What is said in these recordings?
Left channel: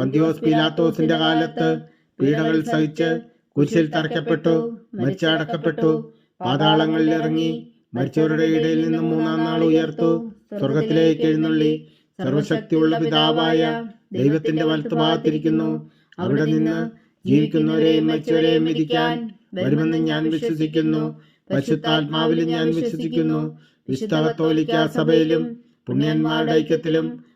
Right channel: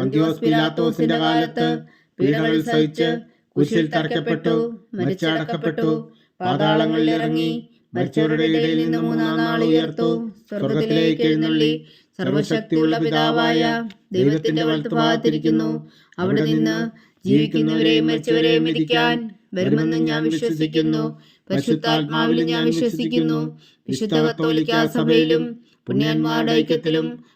പന്തിയോസ് പിലാത്തോസിന്റെ കാലത്ത് പീഡകൾ സഹിച്ച് കുരിശിൽ തറയ്ക്കപ്പെട്ടു മരിച്ചടക്കപ്പെട്ടു പാതാളങ്ങളിൽ ഇറങ്ങി മരിച്ചവരുടെ ഇടയിൽ നിന്ന് മൂന്നാം നാൾ ഉയർത്തു സ്വർഗത്തിലേക്ക് എഴുന്നള്ളി. സർവശക്തിയുള്ള പിതാവായ ദൈവത്തിന്റെ വലത്തുഭാഗത്തിരിക്കുന്നു. അവിടെ നിന്ന് ജീവിക്കുന്നവരെയും മരിച്ചവരെയും വിധിക്കാൻ വരുമെന്ന് ഞാൻ വിശ്വസിക്കുന്നു. പശുത്താത്മാവിലും ഞാൻ വിശ്വസിക്കുന്നു. വിശുദ്ധ കത്തോലിക്ക സഭയിലും പുണ്യന്മാരുടെ ഐക്യത്തിലും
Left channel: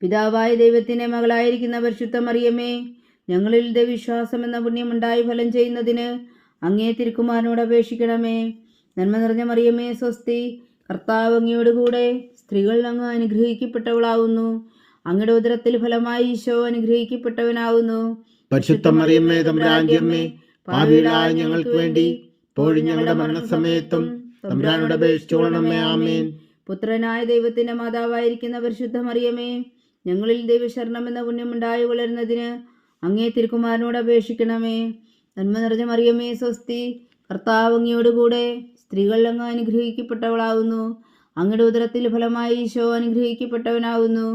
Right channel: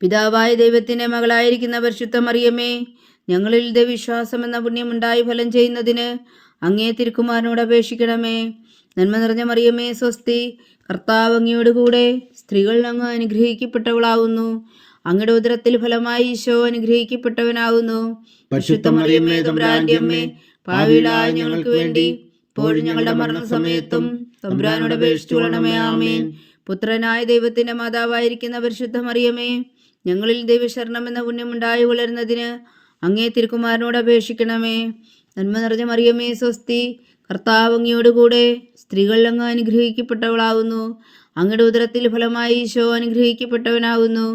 പിതാവായ ദൈവത്തിന്റെ മകളായിരിക്കുന്ന പരിശുദ്ധ മറിയമേ ഞങ്ങളിൽ ദൈവവിശ്വാസം എന്ന പുണ്യമുണ്ടായി ഫലം ചെയ്യുന്നതിന് അങ്ങേ തിരുക്കുമാരനോട് അപേക്ഷിക്കണമേ. നന്മ നിറഞ്ഞ മറിയമ്മേ സ്വസ്തി കർത്താവ് അങ്ങയോട് കൂടെ സ്ത്രീകൾ അങ്ങ് അനുഗ്രഹിക്കപ്പെട്ടവളാവുന്നു. അങ്ങയുടെ ഉദരത്തിൽ ഫലമായി ഈശോ അനുഗ്രഹിക്കപ്പെട്ടവനാവുന്നു. പരിശുദ്ധ മറിയമ്മേ തമ്പുരാന്റെ അമ്മേ പാവികളായ ഞങ്ങൾക്ക് വേണ്ടി ഇപ്പോഴും ഞങ്ങളുടെ മരണസമയത്തും തമ്പുരാനോട് അപേക്ഷിച്ചോളണമേ ആമേൻ. പുത്രനായ ദൈവത്തിന്റെ മാതാവായിരിക്കുന്ന പരിശുദ്ധ മറിയമേ ഞങ്ങളിൽ ദൈവശരണം എന്ന പുണ്യമുണ്ടായി വളരുന്നതിന് അങ്ങേ തിരുക്കുമാരനോട് അപേക്ഷിക്കണമേ. നന്മ നിറഞ്ഞ മറിയമേ സ്വസ്തി. കർത്താവ് അങ്ങയോടുകൂടെ സ്ത്രീകൾ അങ്ങ് അനുഗ്രഹിക്കപ്പെട്ടവളാവുന്നു. അങ്ങയുടെ ഉദരത്തിൽ ഫലമായി ഈശോ അനുഗ്രഹിക്കപ്പെട്ടവനാവുന്നു.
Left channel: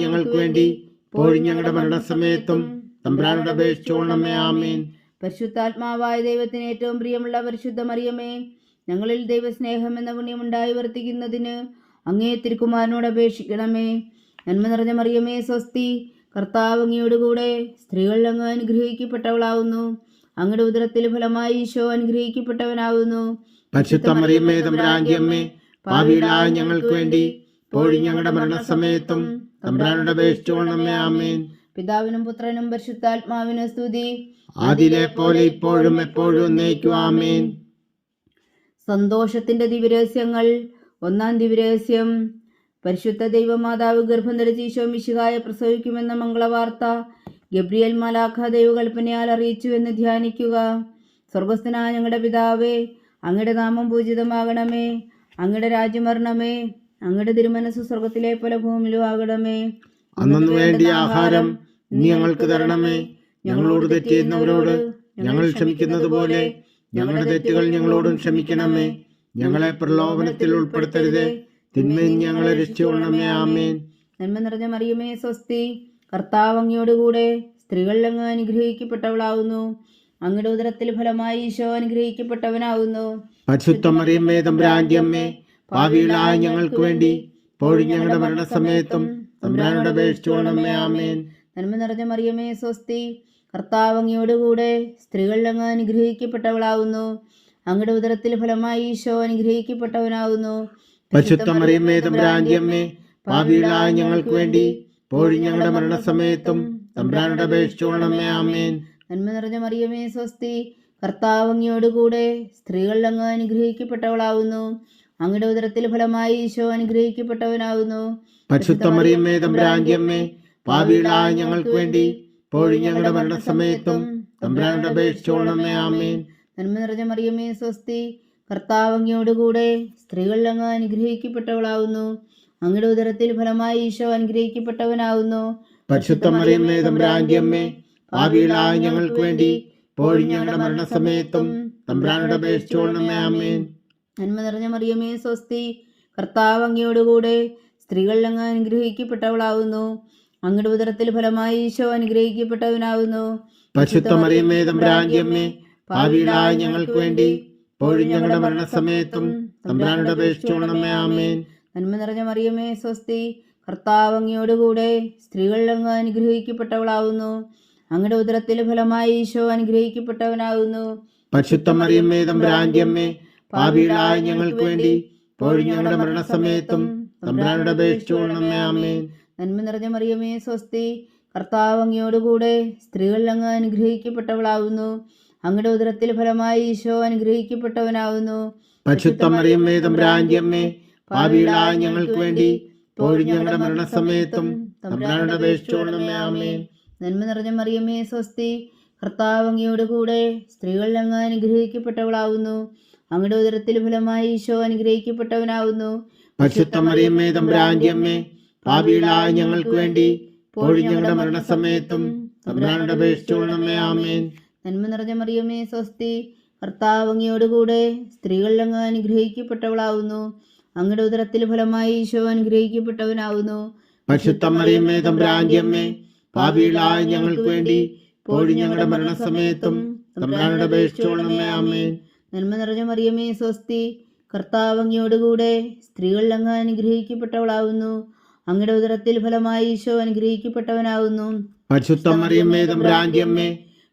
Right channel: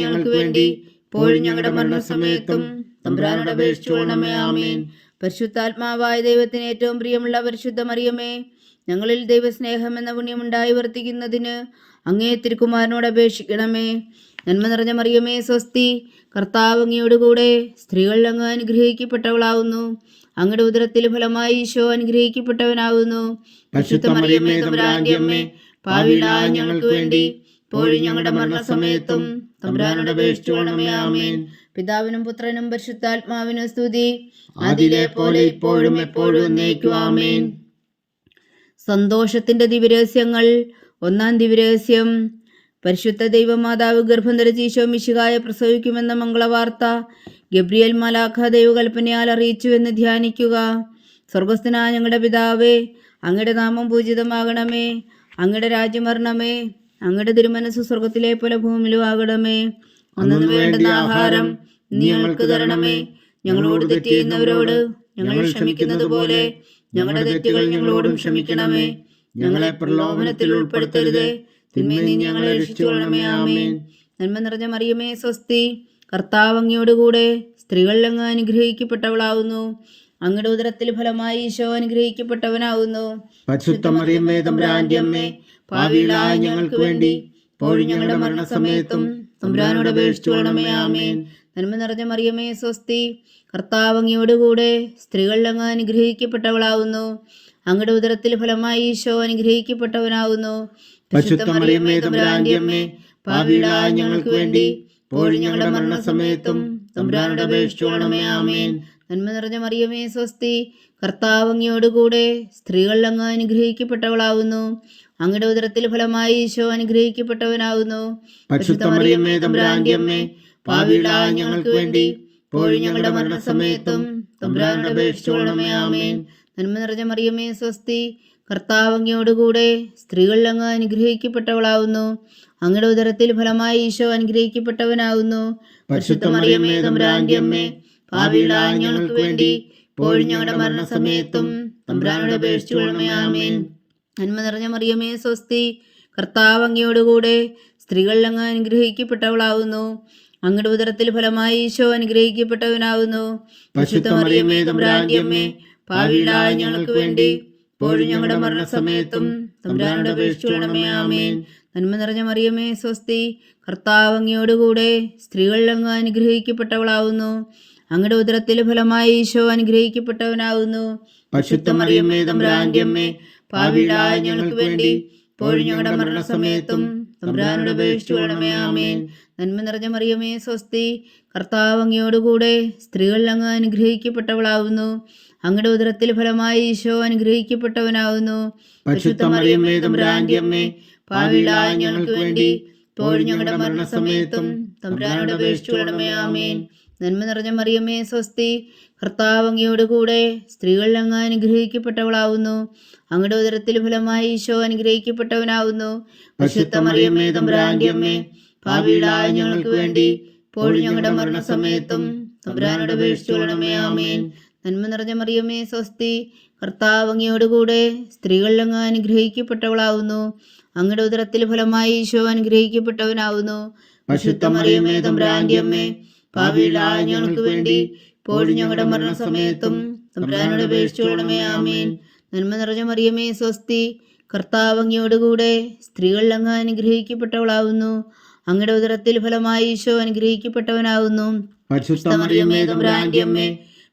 ഞങ്ങൾക്ക് വേണ്ടി ഞങ്ങളുടെ മരണസമയത്തും തമ്പുരാനോട് അപേക്ഷിച്ചുകൊള്ളണമേ ആമേൻ. പരിശുദ്ധാത്മാവായ ദൈവത്തിന് ഏറ്റവും പ്രിയമുള്ള പരിശുദ്ധ മറിയമേ ഞങ്ങളിൽ ദൈവസ്നേഹം എന്ന പുണ്യമുണ്ടായി വർത്തിക്കുന്നതിന് അങ്ങേ തിരുക്കുമാരനോട് അപേക്ഷിക്കണമേ. നന്മ നിറഞ്ഞ മറിയമേ സ്വസ്തി. കർത്താവ് അങ്ങയോട് കൂടെ സ്ത്രീകൾ അങ്ങ് അനുഗ്രഹിക്കപ്പെട്ടവളാവുന്നു. അങ്ങയുടെ ഉദരത്തിൽ ഫലമായി ഈശോ അനുഗ്രഹിക്കപ്പെട്ടവനാവുന്നു. ഞങ്ങൾക്ക് വേണ്ടി ഞങ്ങളുടെ മരണസമയത്തും തമ്പുരാനോട് അപേക്ഷിച്ചുകൊള്ളണമേ ആമേൻ. പിതാവിനും പുത്രനും പരിശുദ്ധാത്മാവിനും സ്തുതി. അതിലെ പോലെ ഇപ്പോഴും എപ്പോഴും എന്നേക്കും ആമേൻ. സന്തോഷത്തിന്റെ ദിവരഹസ്യങ്ങൾ ഒന്നാം ദിവ്യരഹസ്യം പരിശുദ്ധ ദൈവമാതാവ് ഗർഭം ധരിച്ച് ഈശോ മിശികായ പ്രസവിക്കുമെന്ന മംഗളവാർത്ത. ഗബ്രിയൽ മലാഖ ദൈവകൽപ്പനയാൽ അറിയിച്ചു എന്ന് ധ്യാനിക്കുക. സ്വർഗസ്ഥനായ ഞങ്ങളുടെ പിതാവേ അങ്ങയുടെ നാമം പൂജിതമാകണമേ. അങ്ങയുടെ രാജ്യം വരണമേ അങ്ങയുടെ തിരുമനസ് സ്വർഗത്തിലെ പോലെ ഭൂമിയിലും ആകണമേ. അന്നു വേണ്ട ആഹാരം നീ ഞങ്ങൾക്ക് തരണമേ. ഞങ്ങളോട് തെറ്റിയുന്നവരോട് ഞങ്ങൾ ക്ഷമിക്കുന്നത് പോലെ ഞങ്ങളുടെ തെറ്റുകൾ ഞങ്ങളോടും ക്ഷമിക്കണമേ. ഞങ്ങളെ പ്രലോഭനത്തിൽ ഉൾപ്പെടുത്തരുതേ. തിന്മയിൽ ഞങ്ങളെ രക്ഷിച്ചുകൊള്ളണമേ. ആമേൻ. നന്മ നിറഞ്ഞ മറിയമേ സ്വസ്തി. കർത്താവ് അങ്ങയോടുകൂടെ സ്ത്രീകളിൽ അങ്ങ് അനുഗ്രഹിക്കപ്പെട്ടവളാവുന്നു. അങ്ങയുടെ ഉദരത്തിൽ ഫലമായി ഈശോ അനുഗ്രഹിക്കപ്പെട്ടവനാവുന്നു. പരിശുദ്ധ മറിയമ്മേ തമ്പുരാന്റെ അമ്മേ. ഭാവിയിലായ ഞങ്ങൾക്ക് വേണ്ടി പോഴി ഞങ്ങളുടെ മരണസമയത്തും തമ്പുരാനോട് അപേക്ഷിച്ചുകൊള്ളണമേ. ആമേൻ. നന്മ നിറഞ്ഞ മറിയമേ സ്വസ്തി. കർത്താവ് അങ്ങയോടുകൂടെ സ്ത്രീകൾ അങ്ങ് അനുഗ്രഹിക്കപ്പെട്ടവളാവുന്നു. അങ്ങയുടെ ഉദരത്തിൽ ഫലമായി ഈശോ ഭാവിയിലായ ഞങ്ങൾക്ക് വേണ്ടി ഞങ്ങളുടെ മരണസമയത്തും തമ്പുരാനോട് ആമേൻ. നന്മ നിറഞ്ഞ മറിയമേ സ്വസ്തി കർത്താവങ്ങിയോട് കൂടെ സ്ത്രീകൾ അങ്ങ് അനുഗ്രഹിക്കപ്പെട്ടവളാവുന്നു. അങ്ങയുടെ ഉദരത്തിൽ ഫലമായി ഈശോ അനുഗ്രഹിക്കപ്പെട്ടവനാവുന്നു. ഞങ്ങൾക്ക് വേണ്ടി ഞങ്ങളുടെ മരണസമയത്തും തമ്പുരാനോട് ആമേൻ. നന്മ നിറഞ്ഞ മറിയമേ സ്വസ്തി കർത്താവ് അങ്ങയോടുകൂടെ സ്ത്രീകൾ അങ്ങ് അനുഗ്രഹിക്കപ്പെട്ടവളാവുന്നു. അങ്ങയുടെ ഉദരത്തിൽ ഫലമായി ഈശോ അനുഗ്രഹിക്കപ്പെട്ടവനാവുന്നു. ഭാവിയിലായ ഞങ്ങൾക്ക് വേണ്ടി ഞങ്ങളുടെ മരണസമയത്തും തമ്പുരാനോട് അപേക്ഷിച്ചോളണമേ ആമേൻ. നന്മ നിറഞ്ഞ മറിയമേ സ്വസ്തി കർത്താവ് അങ്ങയോടുകൂടെ സ്ത്രീകൾ അങ്ങ് അനുഗ്രഹിക്കപ്പെട്ടവളാവുന്നു. അങ്ങയുടെ ഉദരത്തിൽ ഫലമായി ഈശോ അനുഗ്രഹിക്കപ്പെട്ടവനാവുന്നു. പരിശുദ്ധ മറിയമ്മേ തമ്പുരാന്റെ അമ്മേ ഭാവിയിലായ ഞങ്ങൾക്ക് വേണ്ടി ഇപ്പോഴും ഞങ്ങളുടെ മരണസമയത്തും തമ്പുരാനോട് ആമേൻ. നന്മ നിറഞ്ഞ മറിയമേ സ്വസ്തി. കർത്താവ് അങ്ങയോടുകൂടെ സ്ത്രീകളിൽ അങ്ങ് അനുഗ്രഹിക്കപ്പെട്ടവളാവുന്നു. അങ്ങയുടെ ഉദരത്തിലെ ഫലമായി ഈശോ അനുഗ്രഹിക്കപ്പെട്ടവനാവുന്നു. പരിശുദ്ധ മറിയമ്മേ തമ്പുരാന്റെ അമ്മേ ഭാവിയിലായ ഞങ്ങൾക്ക് വേണ്ടി ഇപ്പോഴും ഞങ്ങളുടെ മരണസമയത്തും തമ്പുരാനോട് അപേക്ഷിച്ചോളണമേ ആമേൻ. നന്മ നിറഞ്ഞ മറിയമേ സ്വസ്തി. കർത്താവ് അങ്ങയോടുകൂടെ സ്ത്രീകളിൽ അങ്ങ് അനുഗ്രഹിക്കപ്പെട്ടവളാവുന്നു. അങ്ങയുടെ ഉദരത്തിൽ ഫലമായി ഈശോ അനുഗ്രഹിക്കപ്പെട്ടവനാകുന്നു ഞങ്ങൾക്ക് വേണ്ടി ഞങ്ങളുടെ മരണസമയത്തും തമ്പുരാനോട് അപേക്ഷിച്ചോളണമേ ആമേൻ നന്മ നിറഞ്ഞ മറിയമ്മേ സ്വസ്തി കർത്താവ് അങ്ങയോടുകൂടെ സ്ത്രീകൾ അങ്ങ് അനുഗ്രഹിക്കപ്പെട്ടവളാവുന്നു. അങ്ങയുടെ ഉദരത്തിൽ ഫലമായി ഈശോ അനുഗ്രഹിക്കപ്പെട്ടവനാവുന്നു. ഞങ്ങൾക്ക് വേണ്ടി ഇപ്പോഴും ഞങ്ങളുടെ മരണസമയത്തും തമ്പുരാനോട് അപേക്ഷിച്ചോളണമേ ആമേൻ നന്മ നിറഞ്ഞ മറിയമേ സ്വസ്തി. കർത്താവ് അങ്ങയോടുകൂടെ സ്ത്രീകൾ അങ്ങ് അനുഗ്രഹിക്കപ്പെട്ടവളാവുന്നു. അങ്ങയുടെ ഉദരത്തിൽ ഫലമായി ഈശോ അനുഗ്രഹിക്കപ്പെട്ടവനാവുന്നു. ഭാവിയിലായ ഞങ്ങൾക്ക് വേണ്ടി ഇപ്പോഴും ഞങ്ങളുടെ മരണസമയത്തും തമ്പുരാനോട് അപേക്ഷിച്ചോളണമേ ആമേൻ. നന്മ നിറഞ്ഞ മറിയമേ സ്വസ്തി. കർത്താവ് അങ്ങയോടുകൂടെ സ്ത്രീകൾ അങ്ങ് അനുഗ്രഹിക്കപ്പെട്ടവളാവുന്നു. അങ്ങയുടെ ഉദരത്തിൽ ഫലമായി ഈശോ അനുഗ്രഹിക്കപ്പെട്ടവനാവുന്നു.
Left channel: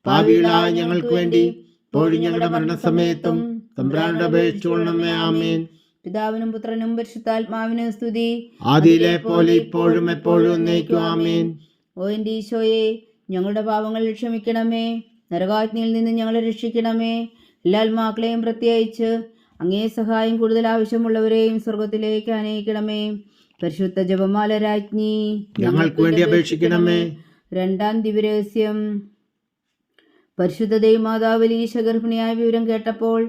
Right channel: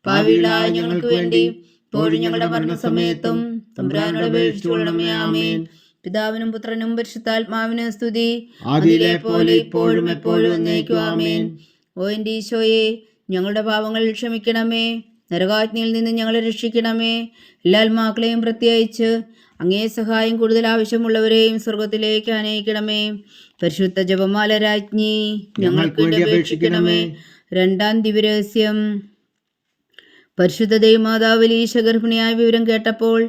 ഭാവിയിലായ ഞങ്ങൾക്ക് വേണ്ടി ഇപ്പോഴും ഞങ്ങളുടെ മരണസമയത്തും തമ്പുരാനോട് അപേക്ഷിച്ചുകൊള്ളണമേ ആമേൻ. പിതാവിനും പുത്രനും പരിശുദ്ധാത്മാവിനും സ്തുതി. ആദിയിലെ പോലെ ഇപ്പോഴും എപ്പോഴും എന്നേക്കും ആമേൻ. ഓ എന്റെ ഈശോയെ ഞങ്ങളുടെ പാവങ്ങൾ ക്ഷമിക്കണമേ. നരകാജ്ഞയിൽ നിന്ന് ഞങ്ങളെ രക്ഷിക്കണമേ. എല്ലാ ആത്മാക്കളെയും പ്രത്യേകിച്ച് അങ്ങേ സഹായം കൂടുതൽ ആവശ്യമുള്ളവരെയും സ്വർഗത്തിലേക്ക് അനയിക്കണമേ. പരിശുദ്ധ ജപമാല രാജ്ഞി ഞങ്ങൾക്ക് വേണ്ടി അപേക്ഷിക്കണമേ. രണ്ടാം ദിവരഹസ്യം പരിശുദ്ധ ദൈവമാതാവലി ഗർഭിണിയായ വിവരം കേട്ടപ്പോൾ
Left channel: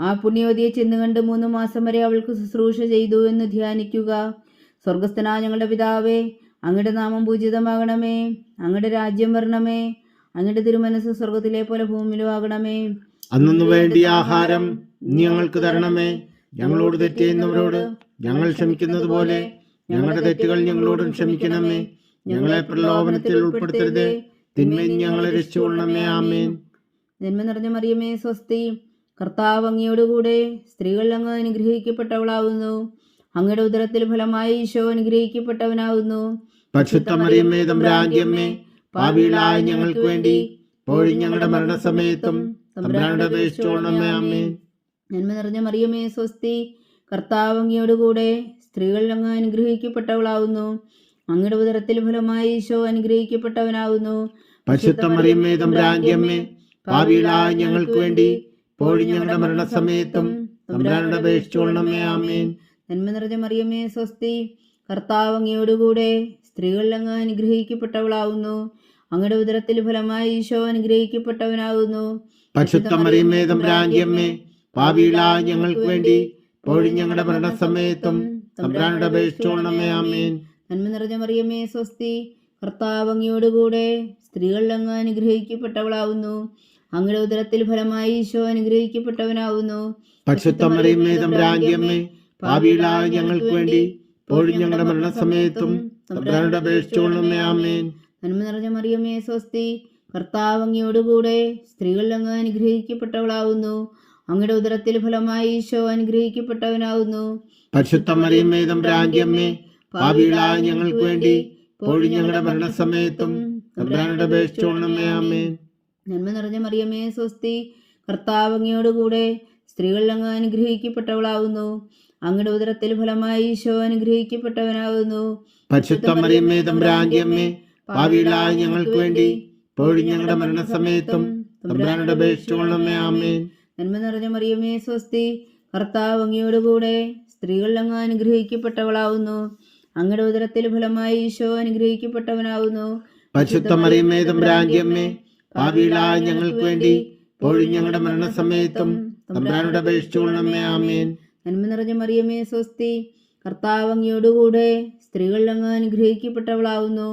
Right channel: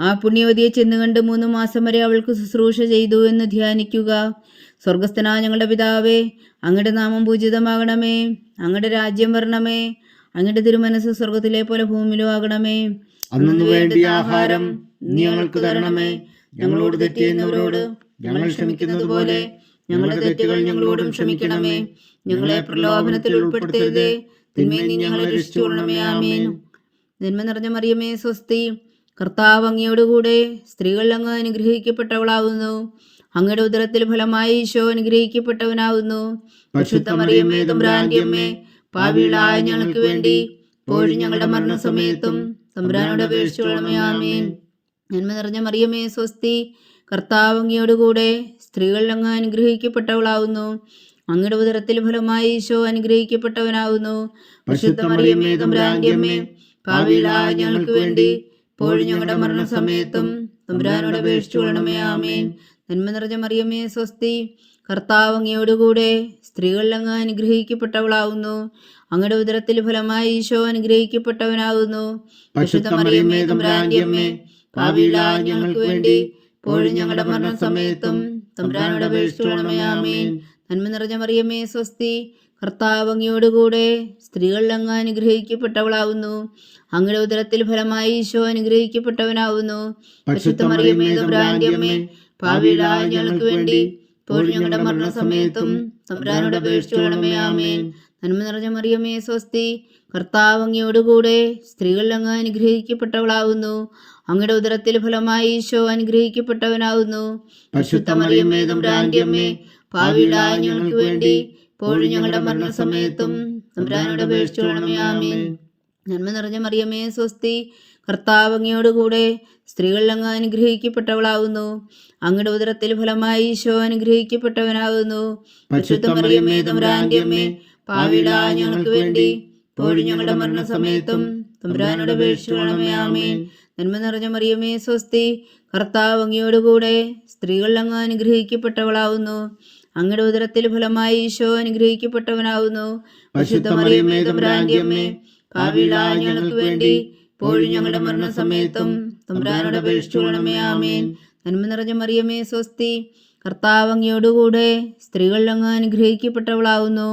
ആ പുണ്യവതിയെ ചെന്നുകണ്ട് മൂന്ന് മാസം വരെ അവൾക്ക് ശുശ്രൂഷ ചെയ്തു എന്ന് ധ്യാനിക്കുക. സ്വർഗസ്ഥനായ ഞങ്ങളുടെ പിതാവേ അങ്ങയുടെ നാമം പൂജിതമാകണമേ അങ്ങയുടെ രാജ്യം വരണമേ അങ്ങയുടെ തിരുമനസ് സ്വർഗത്തിലെ പോലെ ഭൂമിയിലും ആകണമേ. അന്നു വേണ്ടി ആഹാരം ഞങ്ങൾക്ക് തരണമേ. ഞങ്ങളോട് തെറ്റ് ഞങ്ങൾ ക്ഷമിക്കുന്നത് പോലെ ഞങ്ങളുടെ തെറ്റുകൾ ഞങ്ങളോടും ക്ഷമിക്കണമേ. ഞങ്ങളെ പ്രലോഭനത്തിൽ ഉൾപ്പെടുത്തരുതേ. തിന്മയിൽ ഞങ്ങളെ രക്ഷിച്ചുകൊള്ളണമേ. ആമേൻ. നന്മ നിറഞ്ഞ മറിയമേ സ്വസ്തി. കർത്താവ് അങ്ങയോടുകൂടെ സ്ത്രീകൾ അങ്ങ് അനുഗ്രഹിക്കപ്പെട്ടവളാവുന്നു. അങ്ങയുടെ ഉദരത്തിൽ ഫലമായി ഈശോ അനുഗ്രഹിക്കപ്പെട്ടവനാവുന്നു. പരിശുദ്ധ മറിയമ്മേ തമ്പുരാന്റെ അമ്മേ. ഭാവിയിലായ ഞങ്ങൾക്ക് വേണ്ടി പോഴും ഞങ്ങളുടെ മരണസമയത്തും തമ്പുരാനോട് അപേക്ഷിച്ചോളണമേ ആമേൻ. നന്മ നിറഞ്ഞ മറിയമേ സ്വസ്തി. കർത്താവ് അങ്ങയോടുകൂടെ സ്ത്രീകൾ അങ്ങ് അനുഗ്രഹിക്കപ്പെട്ടവളാവുന്നു. അങ്ങയുടെ ഉദരത്തിൽ ഫലമായി ഈശോ അമ്മേ ഞങ്ങൾക്ക് വേണ്ടി ഞങ്ങളുടെ മരണസമയത്തും തമ്പുരാനോട് ആമേൻ. നന്മ നിറഞ്ഞ മറിയമ്മേ സ്വസ്തി. കർത്താവ് അങ്ങയോടുകൂടെ സ്ത്രീകളിൽ അങ്ങ് അനുഗ്രഹിക്കപ്പെട്ടവളാവുന്നു. അങ്ങയുടെ ഉദരത്തിൽ ഫലമായി ഈശോ അമ്മേ ഞങ്ങൾക്ക് വേണ്ടി ഞങ്ങളുടെ മരണസമയത്തും തമ്പുരാനോട് ആമേൻ. നന്മ നിറഞ്ഞ മറിയമ്മേ സ്വസ്തി. കർത്താവ് അങ്ങയോടുകൂടെ സ്ത്രീകൾ അങ്ങ് അനുഗ്രഹിക്കപ്പെട്ടവളാവുന്നു. അങ്ങയുടെ ഉദരത്തിൽ ഫലമായി ഈശോ അനുഗ്രഹിക്കപ്പെട്ടവനാവുന്നു. ഞങ്ങൾക്ക് വേണ്ടി ഞങ്ങളുടെ മരണസമയത്തും തമ്പുരാനോട് അപേക്ഷിച്ചോളണമേ ആമേൻ. നന്മ നിറഞ്ഞ മറിയമ്മേ സ്വസ്തി. കർത്താവ് അങ്ങയോടുകൂടെ സ്ത്രീകൾ അങ്ങ് അനുഗ്രഹിക്കപ്പെട്ടവളാവുന്നു. അങ്ങയുടെ ഉദരത്തിൽ ഫലമായി ഈശോ അനുഗ്രഹിക്കപ്പെട്ടവനാവുന്നു. പരിശുദ്ധ മറിയമ്മേ ഭാവിയിലായ ഞങ്ങൾക്ക് വേണ്ടി ഇപ്പോഴും ഞങ്ങളുടെ മരണസമയത്തും തമ്പുരാനോട് നന്മ നിറഞ്ഞ മറിയമേ സ്വസ്തി കർത്താവ് കൂടെ സ്ത്രീകൾ അങ്ങ് അനുഗ്രഹിക്കപ്പെട്ടവളാകുന്നു അങ്ങയുടെ ഉദരത്തിൽ ഫലമായി ഈശോ അനുഗ്രഹിക്കപ്പെട്ടവനാകുന്നു ഭാവിയിലായ ഞങ്ങൾക്ക് വേണ്ടി ഇപ്പോഴും ഞങ്ങളുടെ മരണസമയത്തും തമ്പുരാനോട് നന്മ നിറഞ്ഞ മറിയമേ സ്വസ്തി കർത്താവ് കൂടെ സ്ത്രീകൾ അങ്ങ് അനുഗ്രഹിക്കപ്പെട്ടവളാവുന്നു. അങ്ങയുടെ ഉദരത്തിൽ ഫലമായി ഈശോ അനുഗ്രഹിക്കപ്പെട്ടവനാവുന്നു. പരിശുദ്ധ മറിയമ്മേ തമ്പുരാന്റെ അമ്മേ ഭാവിയിലായ ഞങ്ങൾക്ക് വേണ്ടി ഇപ്പോഴും ഞങ്ങളുടെ മരണസമയത്തും തമ്പുരാനോട് അപേക്ഷിച്ചോളണമേ ആമേൻ. നന്മ നിറഞ്ഞ മറിയമേ സ്വസ്തി കർത്താവ് അങ്ങയോടുകൂടെ സ്ത്രീകൾ അങ്ങ് അനുഗ്രഹിക്കപ്പെട്ടവളാവുന്നു.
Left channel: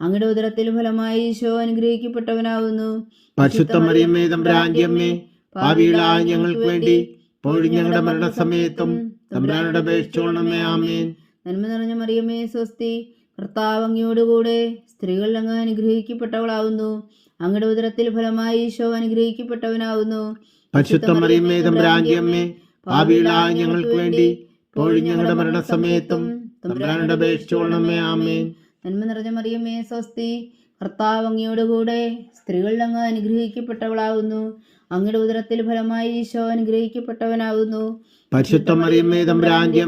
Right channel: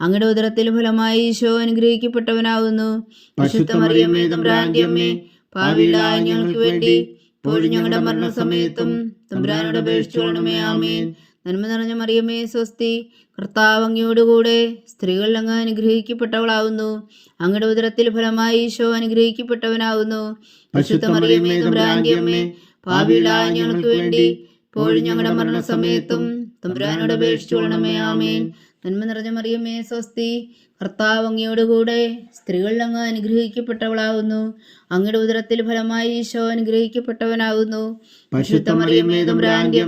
അങ്ങയുടെ ഉദരത്തിൽ ഫലമായി ഈശോ അനുഗ്രഹിക്കപ്പെട്ടവനാകുന്നു പരിശുദ്ധ മറിയമേ തമ്പുരാന്റെ അമ്മേ പാപികളായ ഞങ്ങൾക്ക് വേണ്ടി ഇപ്പോഴും ഞങ്ങളുടെ മരണസമയത്തും തമ്പുരാനോട് അപേക്ഷിച്ചോളണമേ ആമേൻ. നന്മ നിറഞ്ഞ മറിയമേ സ്വസ്തി. കർത്താവ് അങ്ങയോടുകൂടെ സ്ത്രീകൾ അങ്ങ് അനുഗ്രഹിക്കപ്പെട്ടവളാവുന്നു. അങ്ങയുടെ ഉദരത്തിൽ ഫലമായി ഈശോ അനുഗ്രഹിക്കപ്പെട്ടവനാവുന്നു. ഞങ്ങൾക്ക് വേണ്ടി ഞങ്ങളുടെ മരണസമയത്തും തമ്പുരാനോട് ആമേൻ. നന്മ നിറഞ്ഞ മറിയമേ സ്വസ്തി. കർത്താവ് അങ്ങയോടുകൂടെ സ്ത്രീകൾ അങ്ങ് അനുഗ്രഹിക്കപ്പെട്ടവളാകുന്നു അങ്ങയുടെ ഉദരത്തിൽ ഫലമായി ഈശോ അനുഗ്രഹിക്കപ്പെട്ടവനാകുന്നു പരിശുദ്ധ മറിയമ്മേ തമ്പുരാന്റെ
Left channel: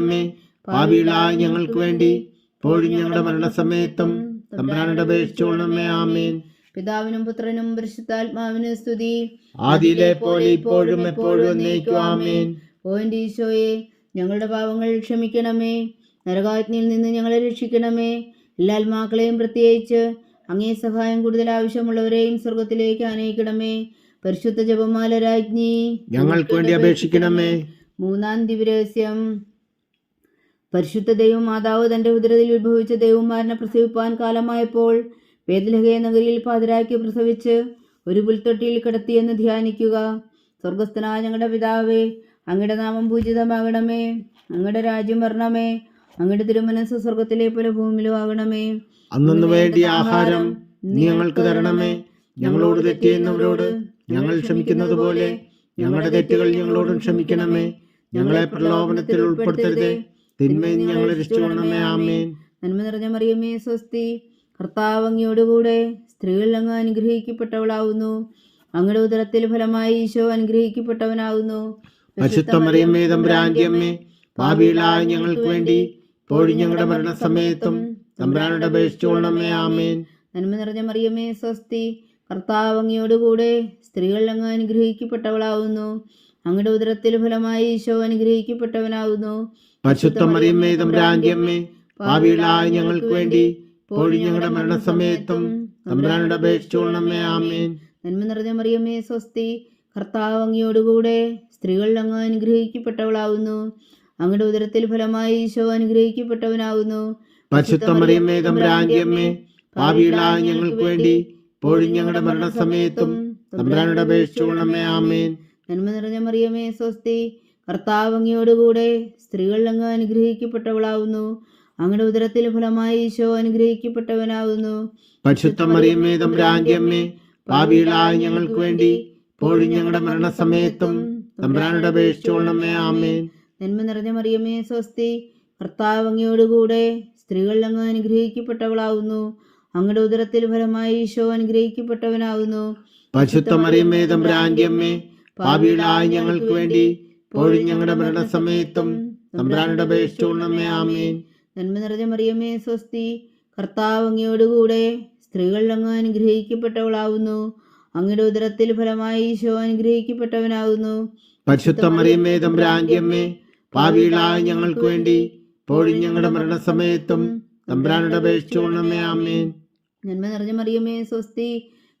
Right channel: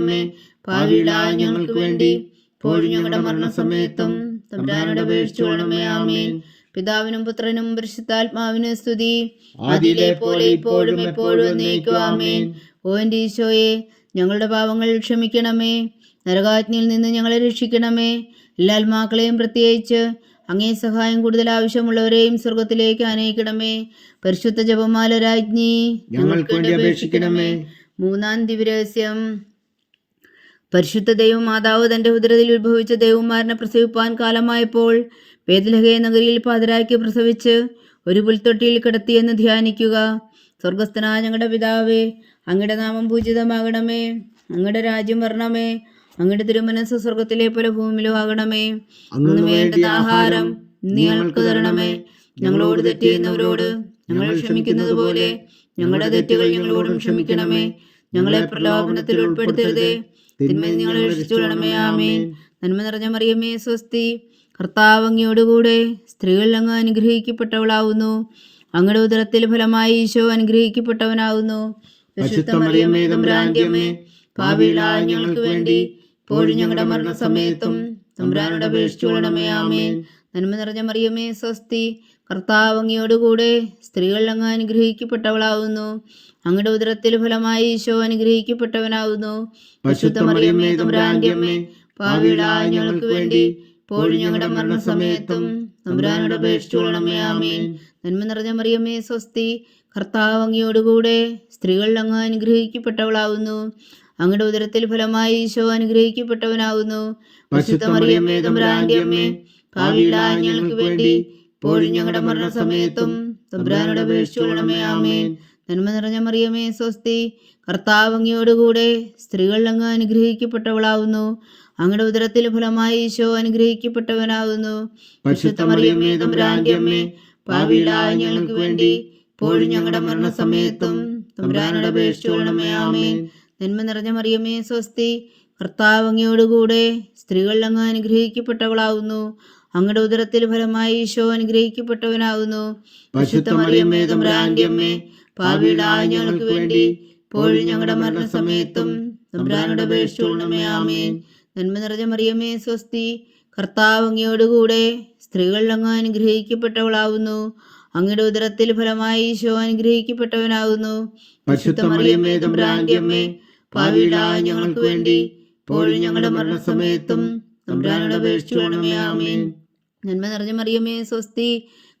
പാപികളായ ഞങ്ങൾക്ക് വേണ്ടി ഇപ്പോഴും ഞങ്ങളുടെ മരണസമയത്തും തമ്പുരാനോട് അപേക്ഷിച്ചോളണമേ ആമേൻ. പിതാവിനും പുത്രനും പരിശുദ്ധാത്മാവിനും സ്തുതി. ആദിയിലെ പോലെ ഇപ്പോഴും എപ്പോഴും ആമേൻ. ഓ എന്റെ ഈശോയെ ഞങ്ങളുടെ പാവങ്ങൾ ക്ഷമിക്കണമേ. നരകാജ്ഞയിൽ നിന്ന് ഞങ്ങളെ രക്ഷിക്കണമേ. എല്ലാ ആത്മാക്കളെയും പ്രത്യേകിച്ച് അങ്ങേ സഹായം കൂടുതൽ ആവശ്യമുള്ളവരെയും സ്വർഗത്തിലേക്ക് അനയിക്കണമേ പരിശുദ്ധ ജപമാല രാജ്ഞി ഞങ്ങൾക്ക് വേണ്ടി അപേക്ഷിക്കണമേ. മൂന്നാം ദിവരഹസ്യം പരിശുദ്ധ ദൈവമാതാവ് തന്റെ ഉദരത്തിൽ ഉത്ഭവിച്ച ദൈവമാരനെ പ്രസവിപ്പാൻ കാലമായപ്പോൾ വേദലഹയ നഗരിയിൽ പാതിരാക്കി പ്രസവിച്ച് ഒരു പുൽത്തൊട്ടിയിൽ കിടത്തിയെന്ന് ധ്യാനിക്കുക. സ്വർഗസ്ഥനായ ഞങ്ങളുടെ പിതാവേ അങ്ങയുടെ നാമം പൂജിതമാകണമേ. അങ്ങയുടെ രാജ്യം വരണമേ. അങ്ങയുടെ തിരുമനസ് സ്വർഗത്തിലെ പോലെ ഭൂമിയിലും ആകണമേ. അന്നു ആഹാരം ഞങ്ങൾക്ക് തരണമേ. ഞങ്ങളോട് തെറ്റിയുന്നവരോട് ഞങ്ങൾ ക്ഷമിക്കുന്നത് പോലെ ഞങ്ങളുടെ തെറ്റുകൾ ഞങ്ങളോടും ക്ഷമിക്കണമേ. ഞങ്ങളെ പ്രലോഭനത്തിൽ ഉൾപ്പെടുത്തരുതേ. തിന്മയിൽ ഞങ്ങളെ രക്ഷിച്ചുകൊള്ളണമേ ആമേൻ. നന്മ നിറഞ്ഞ മറിയമ്മേ സ്വസ്തി. കർത്താവ് അങ്ങയോടുകൂടെ സ്ത്രീകൾ അങ്ങ് അനുഗ്രഹിക്കപ്പെട്ടവളാവുന്നു. അങ്ങയുടെ ഉദരത്തിൽ ഫലമായി ഈശോ അനുഗ്രഹിക്കപ്പെട്ടവനാവുന്നു. മറിയമ്മേ തമ്പുരാന്റെ അമ്മേ പാപികളായ ഞങ്ങൾക്ക് വേണ്ടി ഇപ്പോഴും ഞങ്ങളുടെ മരണസമയത്തും തമ്പുരാനോട് അപേക്ഷിച്ചോളണമേ ആമേൻ. നന്മ നിറഞ്ഞ മറിയമ്മേ സ്വസ്തി. കർത്താവ് അങ്ങയോടുകൂടെ സ്ത്രീകൾ അങ്ങ് അനുഗ്രഹിക്കപ്പെട്ടവളാവുന്നു. അങ്ങയുടെ ഉദരത്തിൽ ഫലമായി ഈശോ അനുഗ്രഹിക്കപ്പെട്ടവനാകുന്നു പരിശുദ്ധ മറിയമ്മേ തമ്പുരാന്റെ അമ്മേ ഞങ്ങൾക്ക് വേണ്ടി ഇപ്പോഴും ഞങ്ങളുടെ മരണസമയത്തും തമ്പുരാനോട് അപേക്ഷിച്ചോളണമേ ആമേൻ. നന്മ നിറഞ്ഞ മറിയമ്മേ സ്വസ്തി കർത്താവ് അങ്ങയോടുകൂടെ സ്ത്രീകൾ അങ്ങ് അനുഗ്രഹിക്കപ്പെട്ടവളാവുന്നു. അങ്ങയുടെ ഉദരത്തിൽ ഫലമായി ഈശോ അനുഗ്രഹിക്കപ്പെട്ടവനാകുന്നു പരിശുദ്ധ മറിയമ്മേ തമ്പുരാന്റെ അമ്മേ ഞങ്ങൾക്ക് വേണ്ടി ഇപ്പോഴും ഞങ്ങളുടെ മരണസമയത്തും തമ്പുരാനോട് അപേക്ഷിച്ചോളണമേ ആമേൻ. നന്മ നിറഞ്ഞ മറിയമേ സ്വസ്തി കർത്താവ് അങ്ങയോടുകൂടെ സ്ത്രീകൾ അങ്ങ് അനുഗ്രഹിക്കപ്പെട്ടവളാവുന്നു അങ്ങയുടെ ഉദരത്തിൽ ഫലമായി ഈശോ അനുഗ്രഹിക്കപ്പെട്ടവനാവുന്നു ഞങ്ങൾക്ക് വേണ്ടി ഇപ്പോഴും ഞങ്ങളുടെ മരണസമയത്തും നന്മ നിറഞ്ഞ മറിയമേ സ്വസ്തി കർത്താവ് അങ്ങയോടുകൂടെ സ്ത്രീകൾ അങ്ങ് അനുഗ്രഹിക്കപ്പെട്ടവളാവുന്നു അങ്ങയുടെ ഉദരത്തിൽ ഫലമായി ഈശോ അമ്മേ പാപികളായ ഞങ്ങൾക്ക് വേണ്ടി ഇപ്പോഴും ഞങ്ങളുടെ മരണസമയത്തും തമ്പുരാനോട് ആമേൻ. നന്മ നിറഞ്ഞ മറിയമ്മേ സ്വസ്തി. കർത്താവ് അങ്ങയോടുകൂടെ സ്ത്രീകൾ അങ്ങ് അനുഗ്രഹിക്കപ്പെട്ടവളാവുന്നു. അങ്ങയുടെ ഉദരത്തിൽ ഫലമായി ഈശോ അനുഗ്രഹിക്കപ്പെട്ടവനാകുന്നു പരിശുദ്ധ മറിയമ്മേ തമ്പുരാന്റെ അമ്മേ പാപികളായ ഞങ്ങൾക്ക് വേണ്ടി ഇപ്പോഴും ഞങ്ങളുടെ മരണസമയത്തും തമ്പുരാനോട് ആമേൻ. നന്മ നിറഞ്ഞ മറിയമ്മേ സ്വസ്തി.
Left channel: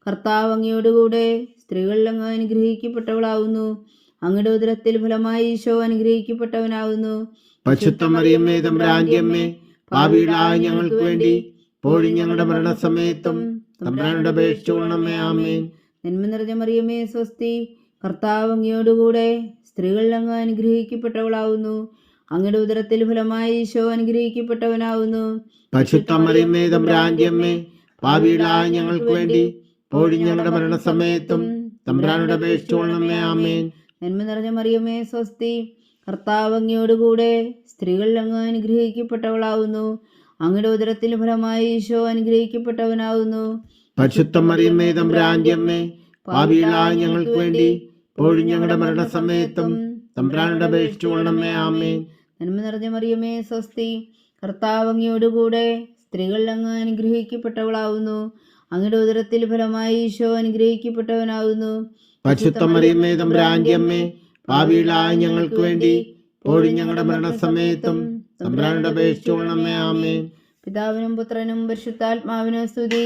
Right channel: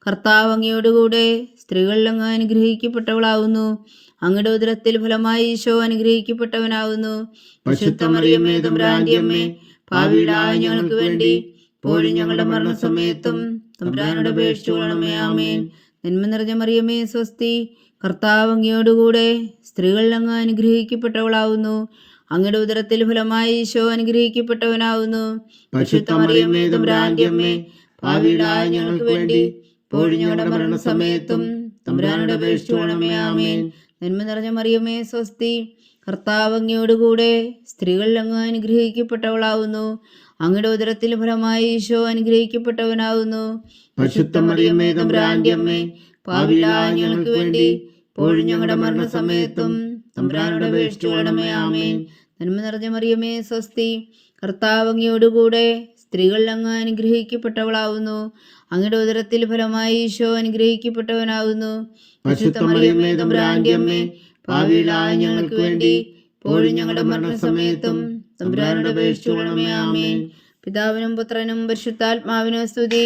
കർത്താവ് അങ്ങയോടുകൂടെ സ്ത്രീകൾ അങ്ങ് അനുഗ്രഹിക്കപ്പെട്ടവളാവുന്നു. അങ്ങയുടെ ഉദരത്തിൽ ഫലമായി ഈശോ അനുഗ്രഹിക്കപ്പെട്ടവനാവുന്നു. പരിശുദ്ധ മറിയമ്മേ തമ്പുരാന്റെ അമ്മേ പാപികളായ ഞങ്ങൾക്ക് വേണ്ടി പോലും ഞങ്ങളുടെ മരണസമയത്തും തമ്പുരാനോട് അപേക്ഷിച്ചോളണമേ ആമേൻ. നന്മ നിറഞ്ഞ മറിയമ്മേ സ്വസ്തി. കർത്താവ് അങ്ങയോടുകൂടെ സ്ത്രീകൾ അങ്ങ് അനുഗ്രഹിക്കപ്പെട്ടവളാവുന്നു. അങ്ങയുടെ ഉദരത്തിൽ ഫലമായി ഈശോ അനുഗ്രഹിക്കപ്പെട്ടവനാവുന്നു. പരിശുദ്ധ മറിയമ്മേ തമ്പുരാന്റെ അമ്മേ പാപികളായ ഞങ്ങൾക്ക് വേണ്ടി ഇപ്പോഴും ഞങ്ങളുടെ മരണസമയത്തും തമ്പുരാനോട് ആമേൻ. നന്മ നിറഞ്ഞ മറിയമ്മേ സ്വസ്തി. കർത്താവ് അങ്ങയോടുകൂടെ സ്ത്രീകൾ അങ്ങ് അനുഗ്രഹിക്കപ്പെട്ടവളാവുന്നു. അങ്ങയുടെ ഉദരത്തിൽ ഫലമായി ഈശോ അനുഗ്രഹിക്കപ്പെട്ടവനാവുന്നു. പരിശുദ്ധ മറിയമ്മേ ഞങ്ങൾക്ക് വേണ്ടി ഇപ്പോഴും ഞങ്ങളുടെ മരണസമയത്തും തമ്പുരാനോട് അപേക്ഷിച്ചോളണമേ ആമേൻ. നന്മ നിറഞ്ഞ മറിയമ്മേ സ്വസ്തി. കർത്താവ് അങ്ങയോടുകൂടെ സ്ത്രീകൾ അങ്ങ് അനുഗ്രഹിക്കപ്പെട്ടവളാവുന്നു. അങ്ങയുടെ ഉദരത്തിൽ ഫലമായി ഈശോ അനുഗ്രഹിക്കപ്പെട്ടവനാകുന്നു. തമ്പുരാന്റെ അമ്മേ ഞങ്ങൾക്ക് വേണ്ടി ഇപ്പോഴും ഞങ്ങളുടെ മരണസമയത്തും തമ്പുരാനോട് ആമേൻ. പിതാവിനും പുത്രനും പരിശുദ്ധാത്മാവിനും സ്തുതി.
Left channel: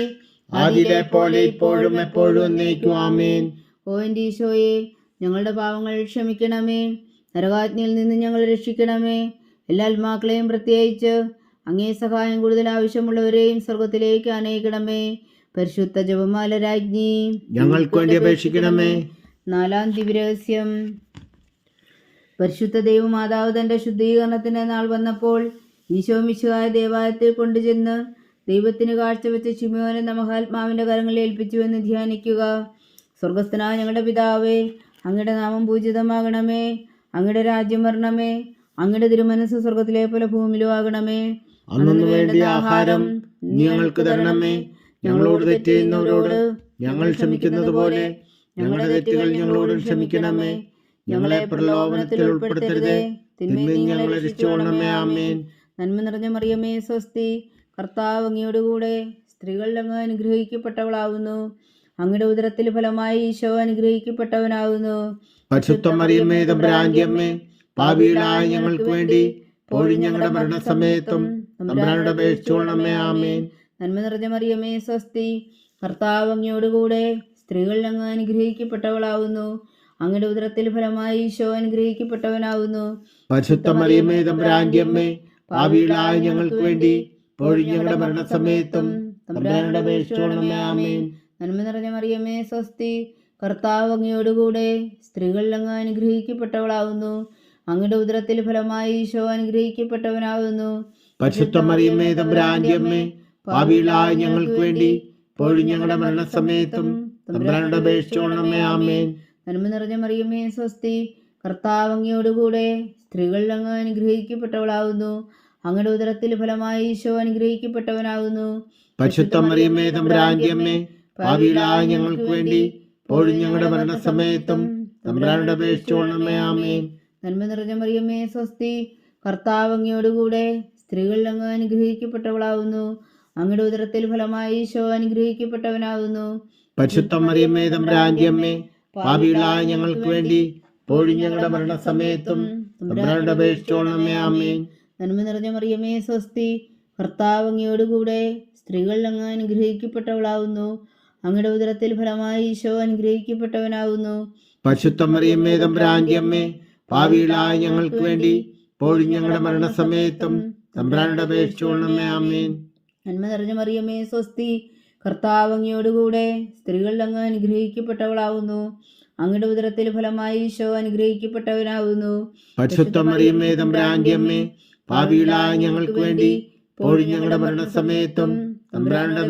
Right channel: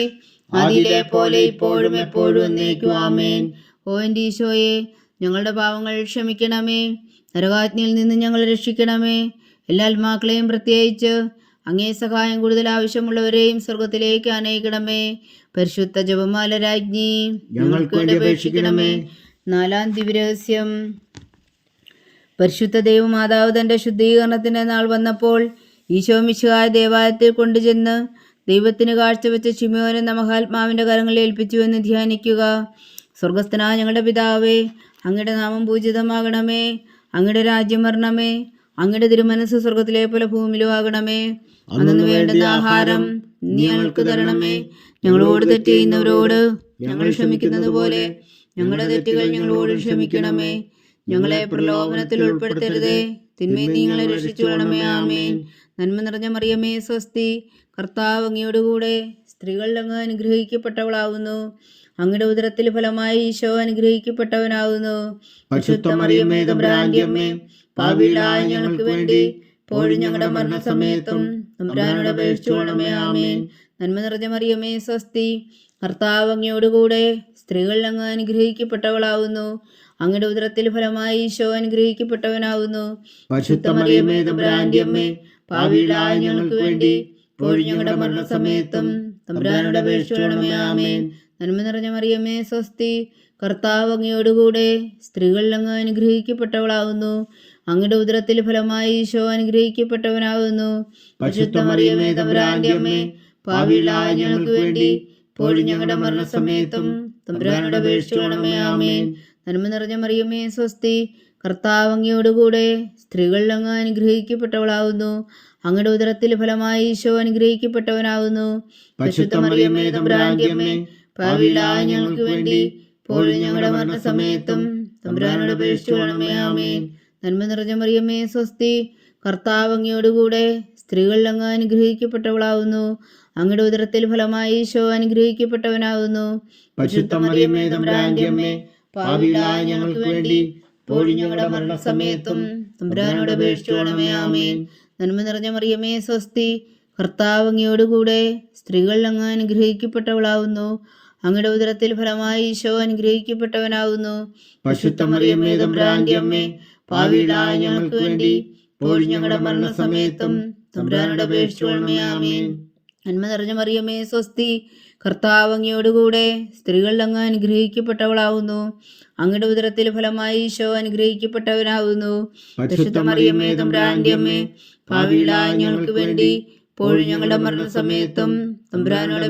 പോലെ ഇപ്പോഴും എപ്പോഴും എന്നേക്കും ആമേൻ. ഓ എന്റെ ഈശോയെ ഞങ്ങളുടെ പാവങ്ങൾ ക്ഷമിക്കണമേ. നരകാജ്ഞയിൽ നിന്ന് ഞങ്ങൾ രക്ഷിക്കണമേ. എല്ലാ ആത്മാക്കളെയും പ്രത്യേകിച്ച് അങ്ങേ സഹായം കൂടുതൽ ആവശ്യമുള്ളവരെയും സ്വർഗത്തിലേക്ക് അനയിക്കണമേ പരിശുദ്ധ ജപമാല രാജ്ഞി ഞങ്ങൾക്ക് വേണ്ടി അപേക്ഷിക്കണമേ. നാലാം ദിവ്യരഹസ്യം. പരിശുദ്ധ ദൈവമാതാവ് തന്റെ ശുദ്ധീകരണത്തിന്റെ നാൾ വന്നപ്പോൾ ഈശോ മിശിഹായ ദേവാലയത്തിൽ കൊണ്ടുചെന്ന് ദൈവത്തിന് കാഴ്ചവെച്ച ചിമയോനെ എന്ന മഹാത്മാവിന്റെ കരങ്ങളിൽ ഏൽപ്പിച്ചുവെന്ന് ധ്യാനിക്കുക. സ്വർഗസ്ഥനായ ഞങ്ങളുടെ പിതാവേ അങ്ങയുടെ നാമം പൂജിതമാകണമേ. അങ്ങയുടെ രാജ്യം വരണമേ. അങ്ങയുടെ തിരുമനസ് സ്വർഗത്തിലെ പോലെ ഭൂമിയിലും ആകണമേ. അന്നു ആഹാരം നീ ഞങ്ങൾക്ക് തരണമേ. ഞങ്ങളോട് തെറ്റ് ചെയ്യുന്നവരോട് ഞങ്ങൾ ക്ഷമിക്കുന്നത് പോലെ ഞങ്ങളുടെ തെറ്റുകൾ ഞങ്ങളോട് ക്ഷമിക്കണമേ. ഞങ്ങളെ പ്രലോഭനത്തിൽ ഉൾപ്പെടുത്തരുതേ. തിന്മയിൽ നിങ്ങളെ രക്ഷിച്ചുകൊള്ളണമേ ആമേൻ. നന്മ നിറഞ്ഞ മറിയമേ സ്വസ്തി. കർത്താവ് അങ്ങയോടുകൂടെ സ്ത്രീകളിൽ അങ്ങ് അനുഗ്രഹിക്കപ്പെട്ടവളാകുന്നു അങ്ങയുടെ ഉദരത്തിൽ ഫലമായി ഈശോ അനുഗ്രഹിക്കപ്പെട്ടവനാകുന്നു ഞങ്ങൾക്ക് വേണ്ടി ഇപ്പോഴും ഞങ്ങളുടെ മരണസമയത്തും തമ്പുരാനോട് ആമേൻ. നന്മ നിറഞ്ഞ മറിയമേ സ്വസ്തി. കർത്താവ് അങ്ങയോടുകൂടെ സ്ത്രീകൾ അങ്ങ് അനുഗ്രഹിക്കപ്പെട്ടവളാവുന്നു. അങ്ങയുടെ ഉദരത്തിൽ ഫലമായി ഈശോ അനുഗ്രഹിക്കപ്പെട്ടവനാവുന്നു. ഞങ്ങൾക്ക് വേണ്ടി ഇപ്പോഴും ഞങ്ങളുടെ മരണസമയത്തും തമ്പുരാനോട് അപേക്ഷിച്ചോളമേ ആമേൻ. നന്മ നിറഞ്ഞ മറിയമ്മേ സ്വസ്തി. കർത്താവ് അങ്ങയോടുകൂടെ സ്ത്രീകൾ അങ്ങ് അനുഗ്രഹിക്കപ്പെട്ടവളാവുന്നു. അങ്ങയുടെ ഉദരത്തിൽ ഫലമായി ഈശോ അനുഗ്രഹിക്കപ്പെട്ടവനാവുന്നു. പരിശുദ്ധ മറിയമ്മേ അമ്മേ ഞങ്ങൾക്ക് വേണ്ടി ഇപ്പോഴും ഞങ്ങളുടെ മരണസമയത്തും തമ്പുരാനോട് ആമേൻ. നന്മ നിറഞ്ഞ മറിയമേ സ്വസ്തി. കർത്താവ് അങ്ങയോടുകൂടെ സ്ത്രീകളിൽ അങ്ങ് അനുഗ്രഹിക്കപ്പെട്ടവളാവുന്നു. അങ്ങയുടെ ഉദരത്തിൽ ഫലമായി ഈശോ അനുഗ്രഹിക്കപ്പെട്ടവനാവുന്നു. ഞങ്ങൾക്ക് വേണ്ടി ഇപ്പോഴും ഞങ്ങളുടെ മരണസമയത്തും തമ്പുരാനോട് അപേക്ഷിച്ചോളമേ ആമേൻ. നന്മ നിറഞ്ഞ മറിയമ്മേ സ്വസ്തി. കർത്താവ് അങ്ങയോടുകൂടെ സ്ത്രീകളിൽ അങ്ങ് അനുഗ്രഹിക്കപ്പെട്ടവളാവുന്നു. അങ്ങയുടെ ഉദരത്തിൽ ഫലമായി ഈശോ അനുഗ്രഹിക്കപ്പെട്ടവനാവുന്നു. പരിശുദ്ധ മറിയമ്മേ തമ്പുരാന്റെ അമ്മേ പാപികളായ ഞങ്ങൾക്ക് വേണ്ടി ഇപ്പോഴും മരണസമയത്തും തമ്പുരാനോട് അപേക്ഷിച്ചോളമേ ആമേൻ. നന്മ നിറഞ്ഞ മറിയമേ സ്വസ്തി കർത്താവ് അങ്ങയോടുകൂടെ സ്ത്രീകൾ അങ്ങ് അനുഗ്രഹിക്കപ്പെട്ടവളാവുന്നു. അങ്ങയുടെ ഉദരത്തിൽ ഫലമായി ഈശോ അനുഗ്രഹിക്കപ്പെട്ടവനാവുന്നു. പരിശുദ്ധ മറിയമ്മേ തമ്പുരാന്റെ അമ്മേ പാപികളായ ഞങ്ങൾക്ക് വേണ്ടി ഇപ്പോഴും ഞങ്ങളുടെ മരണസമയത്തും തമ്പുരാനോട് അപേക്ഷിച്ചോളമേ ആമേൻ. നന്മ നിറഞ്ഞ മറിയമേ സ്വസ്തി. കർത്താവ് അങ്ങയോടുകൂടെ സ്ത്രീകളിൽ അങ്ങ് അനുഗ്രഹിക്കപ്പെട്ടവളാവുന്നു. അങ്ങയുടെ ഉദരത്തിൽ ഫലമായി ഈശോ അനുഗ്രഹിക്കപ്പെട്ടവനാവുന്നു. ഞങ്ങൾക്ക് വേണ്ടി ഇപ്പോഴും ഞങ്ങളുടെ മരണസമയത്തും തമ്പുരാനോട്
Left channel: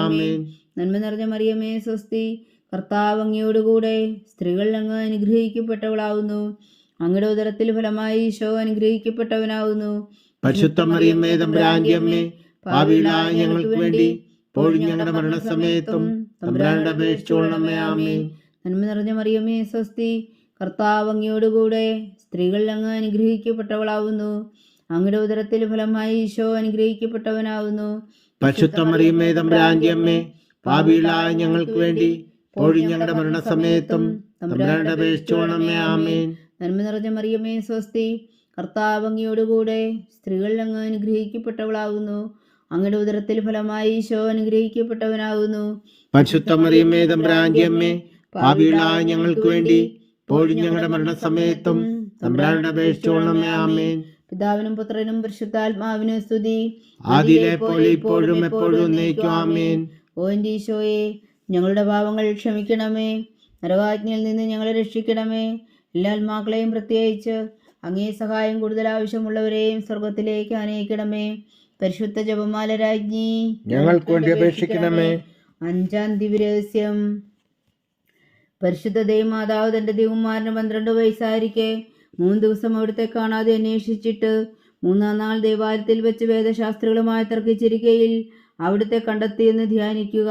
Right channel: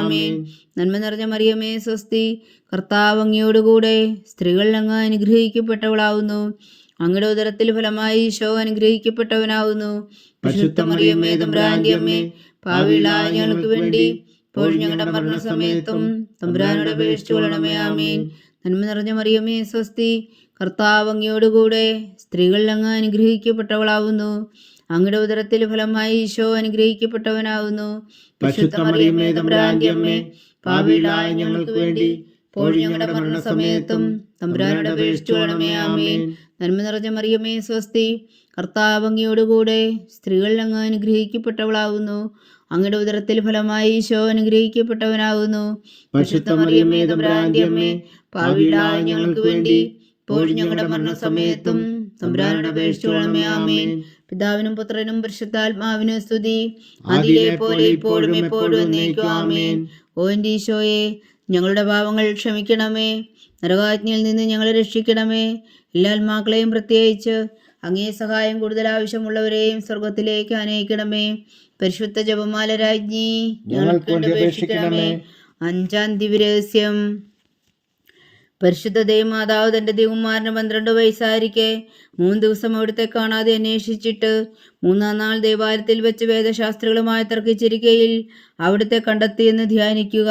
ആമേൻ. നന്മ നിറഞ്ഞ മറിയമേ സ്വസ്തി. കർത്താവ് അങ്ങയോടുകൂടെ സ്ത്രീകളിൽ അങ്ങ് അനുഗ്രഹിക്കപ്പെട്ടവളാവുന്നു. അങ്ങയുടെ ഉദരത്തിൽ ഫലമായി ഈശോ അനുഗ്രഹിക്കപ്പെട്ടവനാവുന്നു. പരിശുദ്ധ മറിയമ്മേ പാപികളായ ഞങ്ങൾക്ക് വേണ്ടി ഇപ്പോൾ ഞങ്ങളുടെ മരണസമയത്തും തമ്പുരാനോട് അപേക്ഷിച്ചോളണമേ ആമീൻ. നന്മ നിറഞ്ഞ മറിയമേ സ്വസ്തി. കർത്താവ് അങ്ങയോടുകൂടെ സ്ത്രീകളിൽ അങ്ങ് അനുഗ്രഹിക്കപ്പെട്ടവളാവുന്നു. അങ്ങയുടെ ഉദരത്തിൽ ഫലമായി ഈശോ അനുഗ്രഹിക്കപ്പെട്ടവനാവുന്നു. ഞങ്ങൾക്ക് വേണ്ടി ഇപ്പോഴും ഞങ്ങളുടെ മരണസമയത്തും തമ്പുരാനോട് അപേക്ഷിച്ചോളണമേ ആമേൻ. നന്മ നിറഞ്ഞ മറിയമേ സ്വസ്തി. കർത്താവ് അങ്ങയോടുകൂടെ സ്ത്രീകളിൽ അങ്ങ് അനുഗ്രഹിക്കപ്പെട്ടവളാവുന്നു. അങ്ങയുടെ ഉദരത്തിൽ ഫലമായി ഈശോ അനുഗ്രഹിക്കപ്പെട്ടവനാകുന്നു. പാപികളായ ഞങ്ങൾക്ക് വേണ്ടി ഇപ്പോഴും ഞങ്ങളുടെ മരണസമയത്തും തമ്പുരാനോട് അപേക്ഷിച്ചോളണമേ ആമേൻ. പിതാവിനും പുത്രനും പരിശുദ്ധാത്മാവിനും സ്തുതി. ആദിയിലെ പോലെ ഇപ്പോഴും എപ്പോഴും എന്നേക്കും ഓ എന്റെ ഈശോയെ ഞങ്ങളുടെ ഭാവങ്ങൾ ക്ഷമിക്കണമേ. നരകാജ്ഞയിൽ നിന്ന് ഞങ്ങളെ രക്ഷിക്കണമേ. എല്ലാ ആത്മാക്കളെയും പ്രത്യേകിച്ച് അങ്ങേ സഹായം കൂടുതൽ ആവശ്യമുള്ളവരെയും സ്വർഗത്തിലേക്ക് അനയിക്കണമേ പരിശുദ്ധ ജപമാല രാജ്ഞി ഞങ്ങൾക്ക് വേണ്ടി അപേക്ഷിക്കണമേ. അഞ്ചാം ദിവ്യരഹസ്യം. പരിശുദ്ധ ദേവമാതാവ് തന്റെ ദേവകുമാരന് പന്ത്രണ്ട് വയസ്സായിരിക്കെ. മൂന്ന് ദിവസം അവിടുത്തെ കാണാതെ അന്വേഷിച്ചിട്ട് മൂന്നാം നാൾ ദേവാലയത്തിൽ വെച്ച് വേദശാസ്ത്രികളുമായി തർക്കിച്ചിരിക്കയിൽ അവിടുത്തെ കണ്ടെത്തിയെന്ന് ധ്യാനിക്കുക.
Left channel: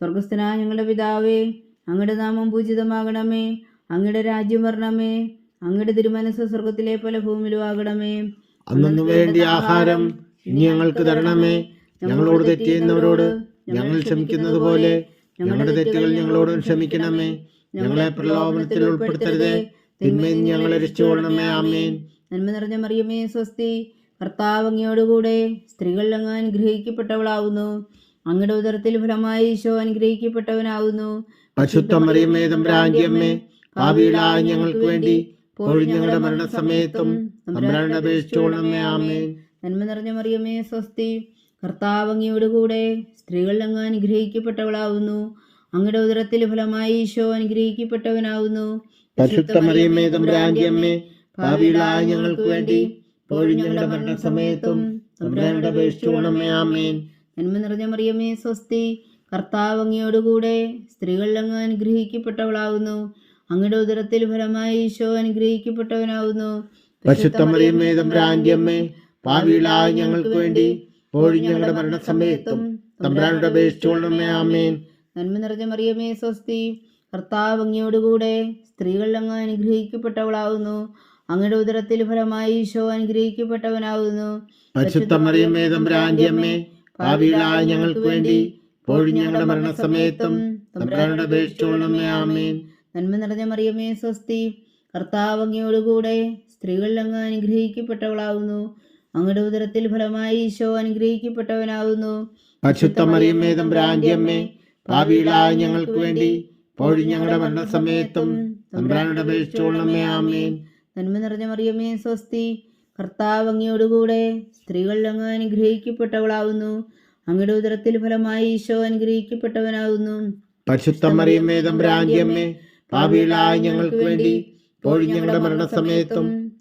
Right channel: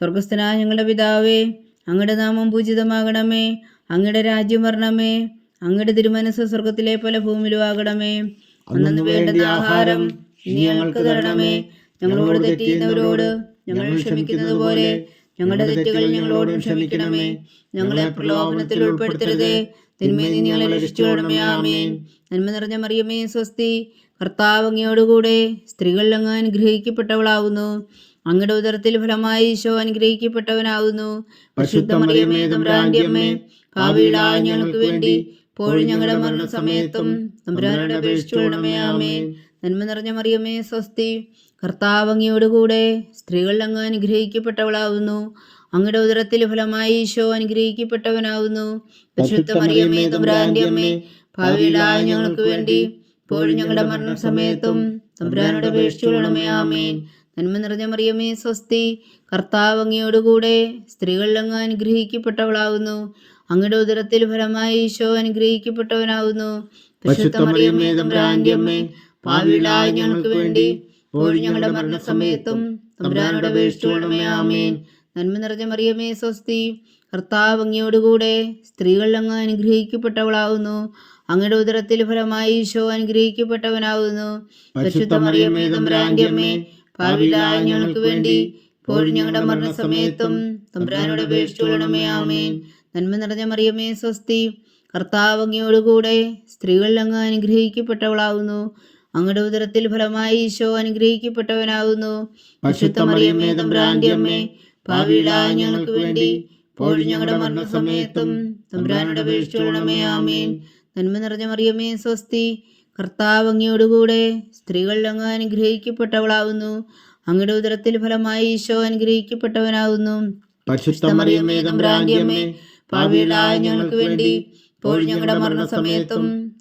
സ്വർഗസ്ഥനായ ഞങ്ങളുടെ പിതാവേ അങ്ങയുടെ നാമം പൂജിതമാകണമേ. അങ്ങയുടെ രാജ്യം വരണമേ. അങ്ങയുടെ തിരുമനസ് സ്വർഗത്തിലെ പല ഭൂമിയിലും ആകണമേ. അന്നു വേണ്ട ആഹാരം ഇനി ഞങ്ങൾക്ക് തരണമേ. ഞങ്ങളോട് തെറ്റിയുന്നവരോട് ഞങ്ങൾ ക്ഷമിക്കുന്നത് പോലെ ഞങ്ങളുടെ തെറ്റുകൾ ഞങ്ങളോട് ക്ഷമിക്കണമേ. ഞങ്ങളെ പ്രലോഭനത്തിൽ ഉൾപ്പെടുത്തരുതേ. തിന്മയിൽ നിന്ന് ഞങ്ങളെ രക്ഷിച്ചോളമേ ആമേൻ. നന്മ നിറഞ്ഞ മറിയമേ സ്വസ്തി. കർത്താവ് അങ്ങയോടുകൂടെ സ്ത്രീകളിൽ അങ്ങ് അനുഗ്രഹിക്കപ്പെട്ടവളാവുന്നു. അങ്ങയുടെ ഉദരത്തിൽ ഫലമായി ഈശോ അനുഗ്രഹിക്കപ്പെട്ടവനാവുന്നു. ഞങ്ങൾക്ക് വേണ്ടി ഞങ്ങളുടെ മരണസമയത്തും തമ്പുരാനോട് അപേക്ഷിച്ചോളമേ ആമേൻ. നന്മ നിറഞ്ഞ മറിയമേ സ്വസ്തി. കർത്താവ് അങ്ങയോടുകൂടെ സ്ത്രീകൾ അങ്ങ് അനുഗ്രഹിക്കപ്പെട്ടവളാവുന്നു. അങ്ങയുടെ ഉദരത്തിൽ ഫലമായി ഈശോ അനുഗ്രഹിക്കപ്പെട്ടവനാവുന്നു. ഞങ്ങൾക്ക് വേണ്ടി ഇപ്പോഴും ഞങ്ങളുടെ മരണസമയത്തും തമ്പുരാനോട് അപേക്ഷിച്ചുകൊള്ളണമേ ആമേൻ. നന്മ നിറഞ്ഞ മറിയമേ സ്വസ്തി. കർത്താവ് അങ്ങയോടുകൂടെ സ്ത്രീകൾ അങ്ങ് അനുഗ്രഹിക്കപ്പെട്ടവളാകുന്നു അങ്ങയുടെ ഉദരത്തിൽ ഫലമായി ഈശോ പരിശുദ്ധ തമ്പുരാന്റെ അമ്മേ ഭാവിയിലായ ഞങ്ങൾക്ക് വേണ്ടി ഇപ്പോഴും ഞങ്ങളുടെ മരണസമയത്തും തമ്പുരാനോട് അപേക്ഷിച്ചുകൊള്ളണമേ ആമേൻ. നന്മ നിറഞ്ഞ മറിയമേ സ്വസ്തി. കർത്താവ് അങ്ങയോടുകൂടെ സ്ത്രീകൾ അങ്ങ് അനുഗ്രഹിക്കപ്പെട്ടവളാകുന്നു. അങ്ങയുടെ ഉദരത്തിൽ ഫലമായി ഈശോ അനുഗ്രഹിക്കപ്പെട്ടവനാകുന്നു. പരിശുദ്ധ മറിയമേ തമ്പുരാന്റെ അമ്മേ ഭാവിയിലായ ഞങ്ങൾക്ക് വേണ്ടി ഞങ്ങളുടെ മരണസമയത്തും തമ്പുരാനോട് അപേക്ഷിച്ചുകൊള്ളണമേ ആമേൻ. നന്മ നിറഞ്ഞ മറിയമേ സ്വസ്തി. കർത്താവ് അങ്ങയോടുകൂടെ സ്ത്രീകൾ അങ്ങ് അനുഗ്രഹിക്കപ്പെട്ടവളാകുന്നു. അങ്ങയുടെ ഉദരത്തിൽ ഫലമായി ഈശോ അനുഗ്രഹിക്കപ്പെട്ടവനാകുന്നു. പരിശുദ്ധ മറിയമേ തമ്പുരാന്റെ അമ്മേ ഭാവിയിലായ ഞങ്ങൾക്ക് വേണ്ടി ഇപ്പോഴും ഞങ്ങളുടെ മരണസമയത്തും തമ്പുരാനോട് അപേക്ഷിച്ചുകൊള്ളണമേ ആമേൻ. നന്മ നിറഞ്ഞ മറിയമ്മേ സ്വസ്തി കർത്താവ് അങ്ങയോടുകൂടെ സ്ത്രീകൾ അങ്ങ് അനുഗ്രഹിക്കപ്പെട്ടവളാകുന്നു. അങ്ങയുടെ ഉദരത്തിൽ ഫലമായി ഈശോ അനുഗ്രഹിക്കപ്പെട്ടവനാകുന്നു. പരിശുദ്ധ മറിയമേ തമ്പുരാന്റെ അമ്മേ ഭാവിയിലായ ഞങ്ങൾക്ക് വേണ്ടി ഇപ്പോഴും ഞങ്ങളുടെ മരണസമയത്തും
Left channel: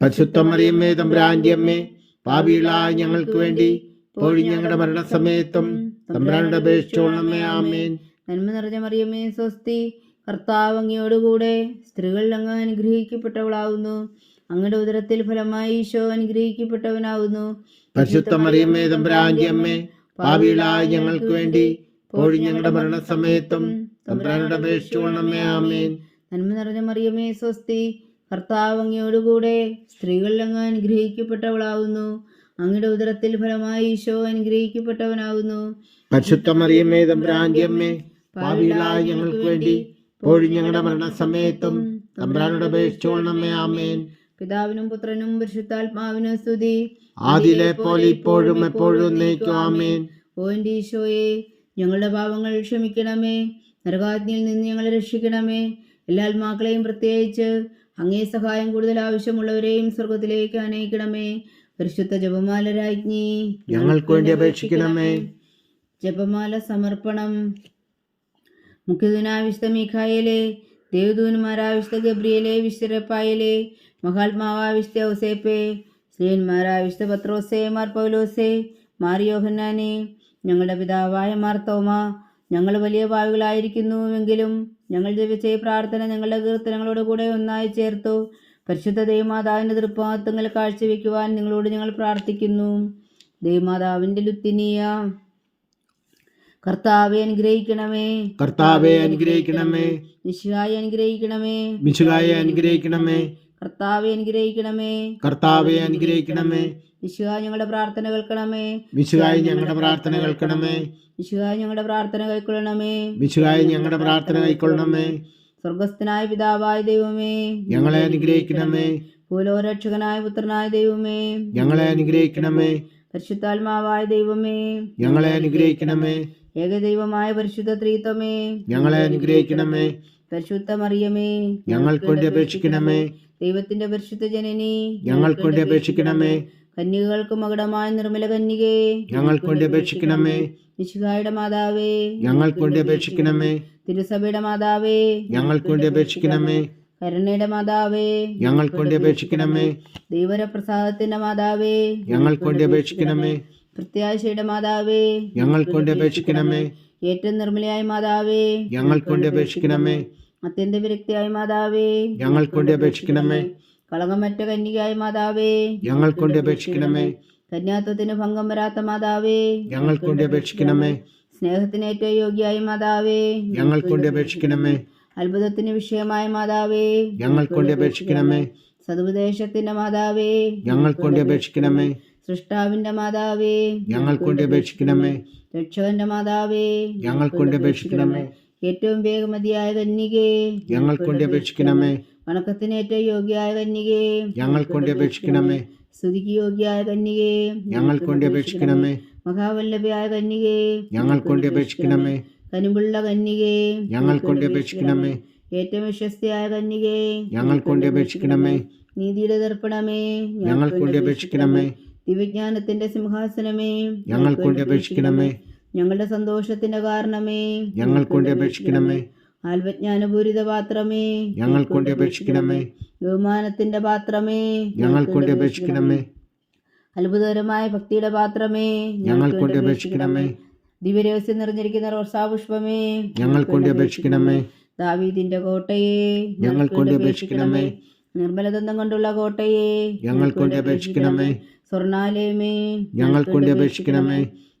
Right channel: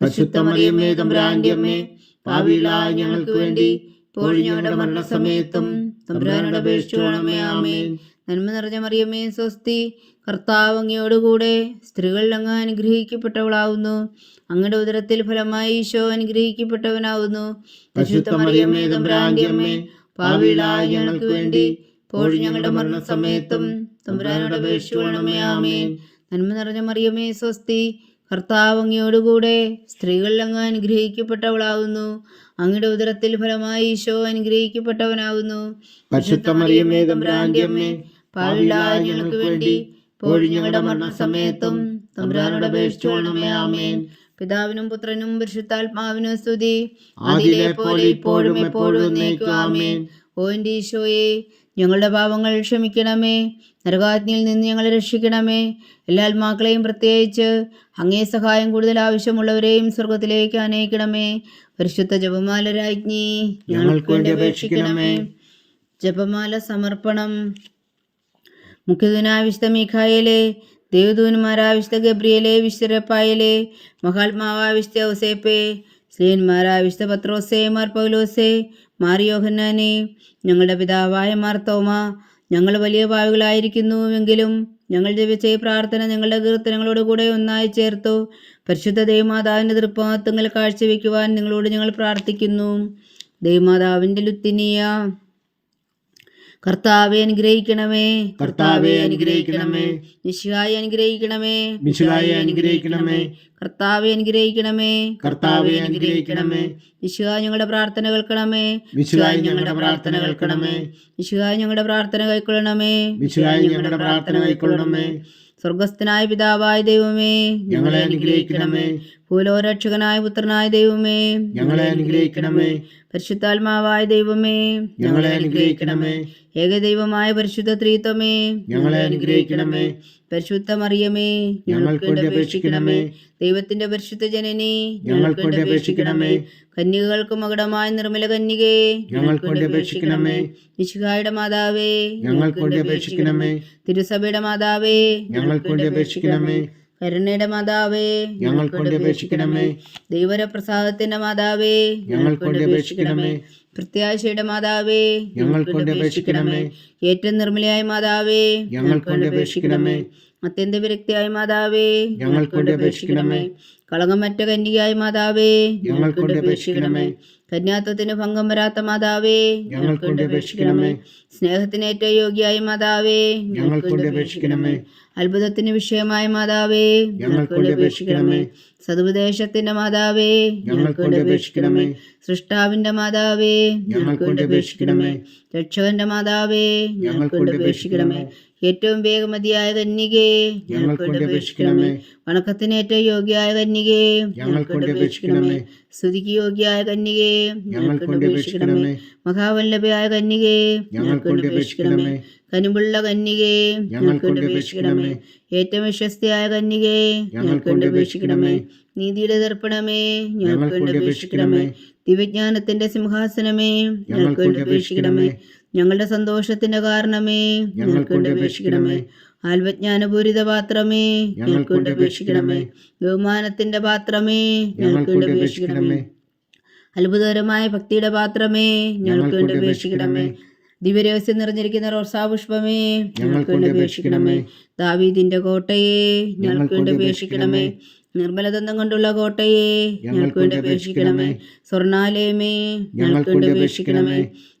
പരിശുദ്ധ മറിയമേ തമ്പുരാന്റെ അമ്മേ ഭാവിയിലായ ഞങ്ങൾക്ക് വേണ്ടി ഞങ്ങളുടെ മരണസമയത്തും തമ്പുരാനോട് അപേക്ഷിച്ചുകൊള്ളണമേ ആമേൻ. നന്മ നിറഞ്ഞ മറിയമേ സ്വസ്തി. കർത്താവ് അങ്ങയോടുകൂടെ സ്ത്രീകളിൽ അങ്ങ് അനുഗ്രഹിക്കപ്പെട്ടവളാവുന്നു. അങ്ങയുടെ ഉദരത്തിൽ ഫലമായി ഈശോ അനുഗ്രഹിക്കപ്പെട്ടവനാവുന്നു. പരിശുദ്ധ മറിയമേ തമ്പുരാന്റെ അമ്മേ ഭാവിയിലായ ഞങ്ങൾക്ക് വേണ്ടി ഞങ്ങളുടെ മരണസമയത്തും തമ്പുരാനോട് അപേക്ഷിച്ചുകൊള്ളണമേ ആമേൻ. നന്മ നിറഞ്ഞ മറിയമേ സ്വസ്തി. കർത്താവ് അങ്ങയോടുകൂടെ സ്ത്രീകൾ അങ്ങ് അനുഗ്രഹിക്കപ്പെട്ടവളാകുന്നു അങ്ങയുടെ ഉദരത്തിൽ ഫലമായി ഈശോ അനുഗ്രഹിക്കപ്പെട്ടവനാകുന്നു ഞങ്ങൾക്ക് വേണ്ടി ഞങ്ങളുടെ മരണസമയത്തും തമ്പുരാനോട് അപേക്ഷിച്ചുകൊള്ളണമേ ആമേൻ. പിതാവിനും പുത്രനും പരിശുദ്ധാത്മാവിനും സ്തുതി. ആദിലെ പോലെ ഇപ്പോഴും എപ്പോഴും ആമേൻ. ഓ എന്റെ ഈശോയെ ഞങ്ങളുടെ പാപങ്ങൾ ക്ഷമിക്കണമേ. നരകാജ്ഞയിൽ നിന്ന് ഞങ്ങളെ രക്ഷിക്കണമേ. എല്ലാ ആത്മാക്കളെയും പ്രത്യേകിച്ച് അങ്ങേ സഹായം കൂടുതൽ ആവശ്യമുള്ളവരെയും സ്വർഗത്തിലേക്ക് അനയിക്കണമേ പരിശുദ്ധ ജപമാല രാജ്ഞി ഞങ്ങൾക്ക് വേണ്ടി അപേക്ഷിക്കണമേ. ജപമാല സമർപ്പണം. മുഖ്യദൂനായ വിശുദ്ധ മീഖായലെ ദേവദൂന്മാരായ വിശുദ്ധ ഗബ്രിയലെ വിശ്വരപ്പായലെ മഹാത്മാവായ വിശുദ്ധ ഔസേപ്പെ സ്ലീന്മാരായ വിശുദ്ധ പത്രോസേ മാർ പൗലോസേ മാർ യോഹന്നാനെ ഞങ്ങളുടെ പിതാവായ മാർ തോമ ഞങ്ങൾ വലിയ പാവുകളായിരിക്കുന്നുവെങ്കിലും ഞങ്ങൾ ജപിച്ച ഈ പ്രാർത്ഥന ഞങ്ങളുടെ കീർത്തനങ്ങളോട് കൂടെ ഒന്നായി ചേർത്തു. പരിശുദ്ധ ദൈവമാതാവിന്റെ തൃപ്പാത്തങ്ങൾ കാഴ്ചവെക്കുവാൻ നിങ്ങളോട് ഞങ്ങൾ പ്രാർത്ഥിക്കുന്നു. ദൈവമാതാവിന്റെ ലുത്തിനിയ കർത്താവെ അനുഗ്രഹിക്കണമേ. കർത്താവെ അനുഗ്രഹിക്കണമേ. നിശിഹായി അനുഗ്രഹിക്കണമേ. മിശുകായെ അനുഗ്രഹിക്കണമേ. കർത്താവെ അനുഗ്രഹിക്കണമേ. കർത്താവെ അനുഗ്രഹിക്കണമേ. നിശിഹ ഞങ്ങളുടെ പ്രാർത്ഥന കേൾക്കണമേ. മിശുകായി ഞങ്ങളുടെ പ്രാർത്ഥന കേൾക്കണമേ. നിശിഹ ഞങ്ങളുടെ പ്രാർത്ഥന കൈക്കൊള്ളണമേ മിശുകായി ഞങ്ങളുടെ പ്രാർത്ഥന കൈക്കൊള്ളണമേ സ്വർഗസ്ഥനായ പിതാവായ ദൈവമേ ഞങ്ങളെ അനുഗ്രഹിക്കണമേ. ഭൂലോരക്ഷകനായ പുത്രനായ ദൈവമേ ഞങ്ങളെ അനുഗ്രഹിക്കണമേ. പരിശുദ്ധാത്മാവായ ദൈവമേ ഞങ്ങളെ അനുഗ്രഹിക്കണമേ. ഏകദൈവമായ പരിശുദ്ധ ത്രീത്വമേ ഞങ്ങളെ അനുഗ്രഹിക്കണമേ. പരിശുദ്ധ മറിയമേ ഞങ്ങൾക്ക് വേണ്ടി അപേക്ഷിക്കണമേ. ദൈവത്തിന്റെ പരിശുദ്ധ ജനനി ഞങ്ങൾക്ക് വേണ്ടി അപേക്ഷിക്കണമേ. കന്യകൾക്ക് മകുടമായ നിർമ്മല കന്യകേ ഞങ്ങൾ കൊണ്ട് അപേക്ഷിക്കണമേ. നിശുഖായുടെ മാതാവേ ഞങ്ങൾ കൊണ്ട് അപേക്ഷിക്കണമേ. തിരുസഭയുടെ മാതാവേ ഞങ്ങൾ കൊണ്ട് അപേക്ഷിക്കണമേ. കരുണയുടെ മാതാവേ ഞങ്ങൾ കൊണ്ട് അപേക്ഷിക്കണമേ. ദൈവരപ്രസാദത്തിന്റെ മാതാവേ ഞങ്ങൾ കൊണ്ട് അപേക്ഷിക്കണമേ. പ്രത്യാശയുടെ മാതാവേ ഞങ്ങൾ കൊണ്ട് അപേക്ഷിക്കണമേ. ഏറ്റവും നിർമ്മലയായ മാതാവേ ഞങ്ങൾ കൊണ്ട് അപേക്ഷിക്കണമേ. അത്യന്ത വിരക്തിയായ മാതാവേ ഞങ്ങൾ കൊണ്ട് അപേക്ഷിക്കണമേ. കളങ്കമറ്റ കന്യകയായ മാതാവേ ഞങ്ങൾക്ക് കൊണ്ട് അപേക്ഷിക്കണമേ. കന്യാത്വത്തിന് ഭംഗം വരാത്ത മാതാവേ ഞങ്ങൾക്ക് കൊണ്ട് അപേക്ഷിക്കണമേ. സ്നേഹത്തിന് ഏറ്റവും യോഗ്യായ മാതാവേ ഞങ്ങൾക്ക് കൊണ്ട് അപേക്ഷിക്കണമേ. അത്ഭുതത്തിന് വിഷയമായ മാതാവേ ഞങ്ങൾക്ക് കൊണ്ട് അപേക്ഷിക്കണമേ. സതുപദേശത്തിന്റെ മാതാവേ ഞങ്ങൾക്ക് കൊണ്ട് അപേക്ഷിക്കണമേ. സൃഷ്ടാവിന്റെ മാതാവേ ഞങ്ങൾക്ക് കൊണ്ട് അപേക്ഷിക്കണമേ. രക്ഷകന്റെ മാതാവേ ഞങ്ങൾക്ക് കൊണ്ട് അപേക്ഷിക്കണമേ. ഏറ്റവും വേഗമതിയായ കന്യകേ ഞങ്ങൾ വേണ്ടി അപേക്ഷിക്കണമേ. വണക്കത്തിന് ഏറ്റവും യോഗ്യയായ കന്യകേ ഞങ്ങൾ വേണ്ടി അപേക്ഷിക്കണമേ. സ്തുതിക്ക് യോഗ്യായ കന്യകേ ഞങ്ങൾ വേണ്ടി അപേക്ഷിക്കണമേ. മഹാവല്ലഭയായ കന്യകേ ഞങ്ങൾ വേണ്ടി അപേക്ഷിക്കണമേ. കനിമുള്ള കന്യകേ ഞങ്ങൾ വേണ്ടി അപേക്ഷിക്കണമേ. ഏറ്റവും വിശ്വസ്തയായ കന്യകേ ഞങ്ങൾ വേണ്ടി അപേക്ഷിക്കണമേ. നീതിയുടെ ദർപ്പണമേ ഞങ്ങൾ വേണ്ടി അപേക്ഷിക്കണമേ. ദിവ്യജ്ഞാനത്തിന്റെ സിംഹാസനമേ ഞങ്ങൾ വേണ്ടി അപേക്ഷിക്കണമേ. ഞങ്ങളുടെ സന്തോഷത്തിന്റെ കാരണമേ. ഞങ്ങൾക്കൊണ്ട് അപേക്ഷിക്കണമേ. ആത്മജ്ഞാനപൂരിത പാത്രമേ. ഞങ്ങൾക്കൊണ്ട് അപേക്ഷിക്കണമേ. ബഹുമാനത്തിന്റെ പാത്രമേ. ഞങ്ങൾക്കൊണ്ട് അപേക്ഷിക്കണമേ. അത്ഭുതകരമായ ഭക്തിയുടെ പാത്രമേ. ഞങ്ങൾക്കൊണ്ട് അപേക്ഷിക്കണമേ. ദിവ്യരഹസ്യം നിറഞ്ഞിരിക്കുന്ന റോസാപുഷ്പമേ. ഞങ്ങൾക്കൊണ്ട് അപേക്ഷിക്കണമേ. ദാവീദിന്റെ കോട്ടയെ. ഞങ്ങൾക്കൊണ്ട് അപേക്ഷിക്കണമേ. നിർമ്മലദന്തം കൊണ്ടുള്ള കോട്ടയെ. ഞങ്ങൾക്കൊണ്ട് അപേക്ഷിക്കണമേ. സ്വർണാലയമേ ഞങ്ങൾക്കൊണ്ട് അപേക്ഷിക്കണമേ.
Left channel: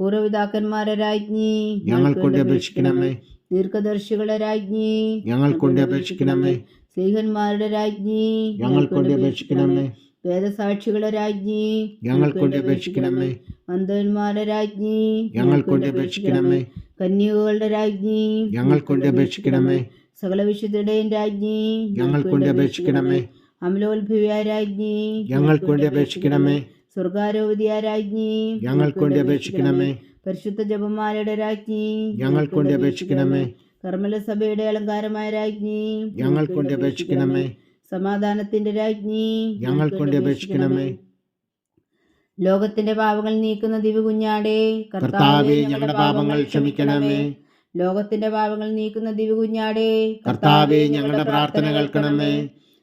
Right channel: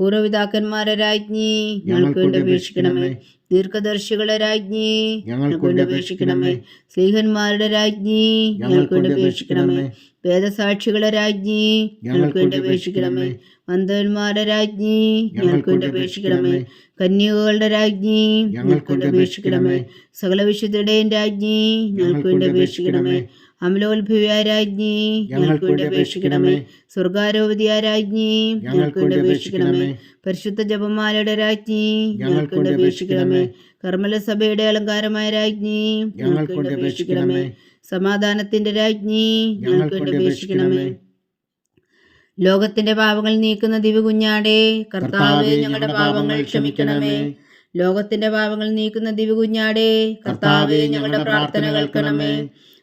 പൂർവപിതാക്കന്മാരുടെ രാജ്ഞി ഞങ്ങൾക്കൊണ്ട് അപേക്ഷിക്കണമേ. ദീർഘദർശികളെ രാജ്ഞി ഞങ്ങൾക്ക് വേണ്ടി അപേക്ഷിക്കണമേ. സ്ത്രീഹന്മാരുടെ രാജ്ഞി ഞങ്ങൾക്ക് വേണ്ടി അപേക്ഷിക്കണമേ. വേദസാക്ഷികളെ രാജ്ഞി ഞങ്ങൾക്ക് വേണ്ടി അപേക്ഷിക്കണമേ. മന്ദവന്മാരുടെ രാജ്ഞി ഞങ്ങൾക്കൊണ്ട് അപേക്ഷിക്കണമേ. കന്യകകളുടെ രാജ്ഞി ഞങ്ങൾക്ക് വേണ്ടി അപേക്ഷിക്കണമേ. സകല വിശുദ്ധരുടെയും രാജ്ഞി ഞങ്ങൾക്ക് വേണ്ടി അപേക്ഷിക്കണമേ. അമലോത്ഭവിയായ രാജ്ഞി ഞങ്ങൾക്ക് വേണ്ടി അപേക്ഷിക്കണമേ. സ്വർഗാരോപതിയാരാജ്ഞി ഞങ്ങൾക്ക് വേണ്ടി അപേക്ഷിക്കണമേ. പരിശുദ്ധ ജപമാലയുടെ രാജ്ഞി ഞങ്ങൾക്ക് വേണ്ടി അപേക്ഷിക്കണമേ. കർമ്മല സഭയുടെ അലങ്കാരമായ രാജ്ഞി ഞങ്ങൾക്ക് വേണ്ടി അപേക്ഷിക്കണമേ. സമാധാനത്തിന്റെ രാജ്ഞി ഞങ്ങൾക്ക് വേണ്ടി അപേക്ഷിക്കണമേ. ലോകത്തിന്റെ പാപങ്ങൾ നീക്കുന്ന ദിവ്യ കർത്താവെ ഞങ്ങളുടെ പാപങ്ങൾ ക്ഷമിക്കണമേ. ലോകത്തിന്റെ പാപങ്ങൾ നീക്കുന്ന കർത്താവെ കർത്താവേ ഞങ്ങളുടെ പ്രാർത്ഥന കേൾക്കണമേ.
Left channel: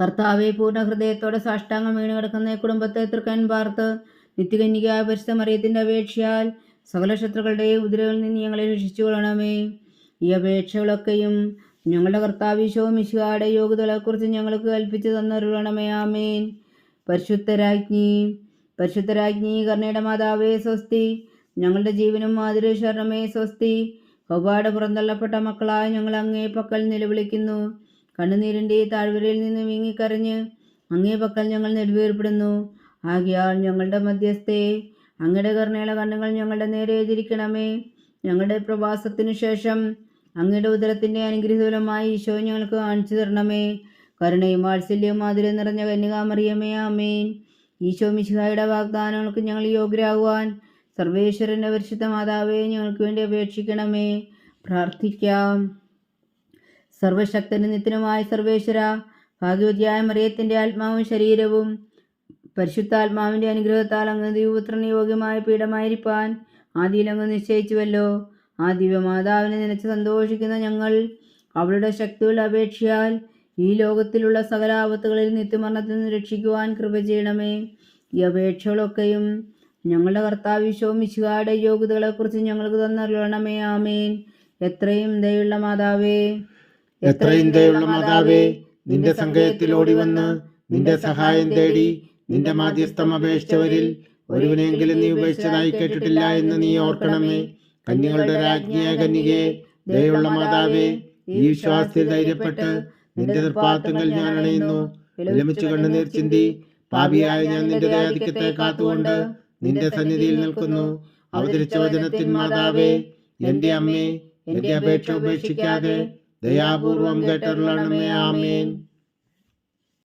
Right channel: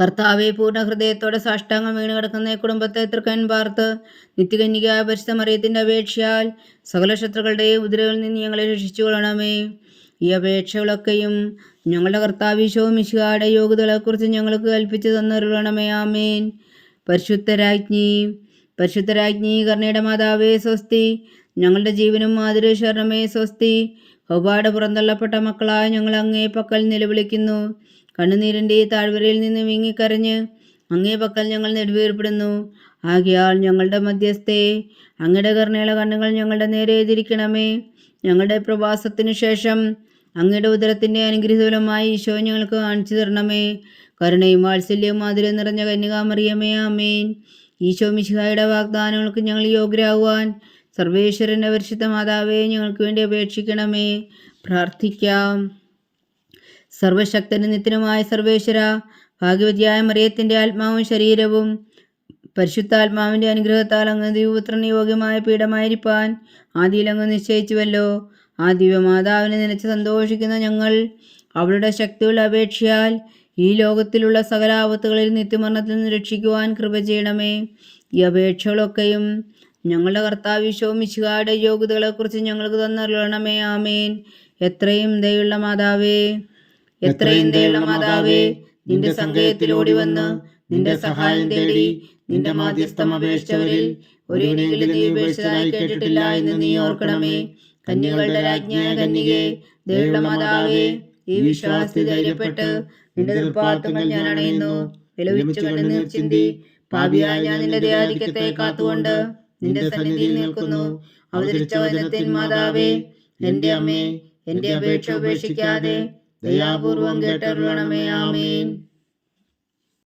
കർത്താവെ പൂർണ ഹൃദയത്തോടെ സാഷ്ടാംഗം വീണ് കിടക്കുന്ന കുടുംബത്തെ തൃക്കൻ പാർത്ത് നിത്യകന്യകായ പരിശുദ്ധ മറിയത്തിന്റെ അപേക്ഷയാൽ സകല ശത്രുക്കളുടെയും ഉദരകളിൽ നിന്ന് ഞങ്ങളെ രക്ഷിച്ചു കൊള്ളണമേ. ഈ അപേക്ഷകളൊക്കെയും ഞങ്ങളുടെ കർത്താവിശോ മിശിഹായുടെ യോഗ്യതകളെക്കുറിച്ച് ഞങ്ങൾക്ക് കൽപ്പിച്ചു തന്നരുളണമേ. ആമേൻ. പരിശുദ്ധരാജ്ഞി പരിശുദ്ധരാജ്ഞി കർണയുടെ മാതാവേ സ്വസ്തി. ഞങ്ങളുടെ ജീവനും മാതൃശരണമേ സ്വസ്തി. ഒപാട് പുറന്തള്ളപ്പെട്ട മക്കളായ ഞങ്ങൾ അങ്ങേ പക്കൽ നിലവിളിക്കുന്നു. കണ്ണുനീരിന്റെ ഈ താഴ്വരയിൽ നിന്ന് വീങ്ങിക്കരഞ്ഞ് അങ്ങേ പക്കൽ ഞങ്ങൾ നെടുവേർപ്പെടുന്നു. ആകയാൽ ഞങ്ങളുടെ മധ്യസ്ഥേ അങ്ങയുടെ കരുണയുള്ള കണ്ണുകൾ ഞങ്ങളുടെ നേരെ എതിരിക്കണമേ. ഞങ്ങളുടെ പ്രവാസത്തിനു ശേഷം അങ്ങയുടെ ഉദരത്തിന്റെ അനുഗ്രഹീതഫലമായി ഈശോ ഞങ്ങൾക്ക് കാണിച്ചു തരണമേ. കരുണയും വാത്സല്യവും മാതിരം നിറഞ്ഞ കന്യകാമറിയമേ ആമേൻ. ഈശോ മിശിഹായുടെ വാഗ്ദാനങ്ങൾക്ക് ഞങ്ങൾ യോഗ്യരാകുവാൻ സർവേശ്വരന്റെ പരിശുദ്ധ മാതാവേ ഞങ്ങൾക്ക് വേണ്ടി അപേക്ഷിക്കണമേ. പ്രാർത്ഥിക്കാം. സർവശക്തനും നിത്യനുമായ സർവേശ്വര ഭാഗ്യവതിയായ മറിയത്തിന്റെ ആത്മാവും ശരീരവും പരിശുദ്ധാത്മാവിന്റെ അനുഗ്രഹത്താൽ അങ്ങ് ദിവപുത്രന് യോഗ്യമായ പീഠമായിരിക്കാൻ ആദിയിൽ അങ്ങ് നിശ്ചയിച്ചുവല്ലോ. ആ ദിവ്യമാതാവിനെ നനച്ച് സന്തോഷിക്കുന്ന ഞങ്ങൾ അവളുടെ ശക്തിയുള്ള അപേക്ഷയാൽ ഈ ലോകത്തിലുള്ള സകല ആപത്തുകളിൽ നിത്യമരണത്തിൽ നിന്ന് രക്ഷിക്കുവാൻ കൃപ ചെയ്യണമേ. ഈ അപേക്ഷകളൊക്കെയും ഞങ്ങളുടെ കർത്താവിശോ മിശുകാരുടെ യോഗ്യതകളെക്കുറിച്ച് ഞങ്ങൾക്ക് തന്നറിയണമേ. ആമേൻ. എത്രയും ദയുള്ള മാതാവേ. എത്രയും ദയുള്ള മാതാവേ നിന്റെ സങ്കേതത്തിലോടി വന്ന് നിന്റെ സഹായം തേടി നിന്റെ മാധ്യസ്ഥം അപേക്ഷിച്ചവരിൽ ഒരുവിനെങ്കിലും നീ ഉപേക്ഷിച്ചതായി കേട്ടിട്ടില്ല എന്ന് നീ ഓർക്കണമേ. കന്യകളുടെ രാജ്ഞിയായ കന്യകെ ദയുള്ള മാതാവേ ഈ വിശ്വാസത്തിൽ ധൈര്യപ്പെട്ട് നിന്റെ തൃപ്പാത്തങ്ങൾ ഞാൻ അണയുന്നു. വിലമിച്ചു കണ്ണുനീർ ചിന്തി പാപിയായ ഞാൻ നിന്റെ ആധിക്യത്തെ കാത്തുകൊണ്ട് നിന്റെ സന്നിധിയിൽ നിൽക്കുന്നു. അവതരിച്ച വചനത്തിൻ മാതാവേ എന്റെ അമ്മേ എന്റെ അപേക്ഷ ഉപേക്ഷിക്കാതെ ദയാപൂർവം കേട്ടരുളണമേ ആമേൻ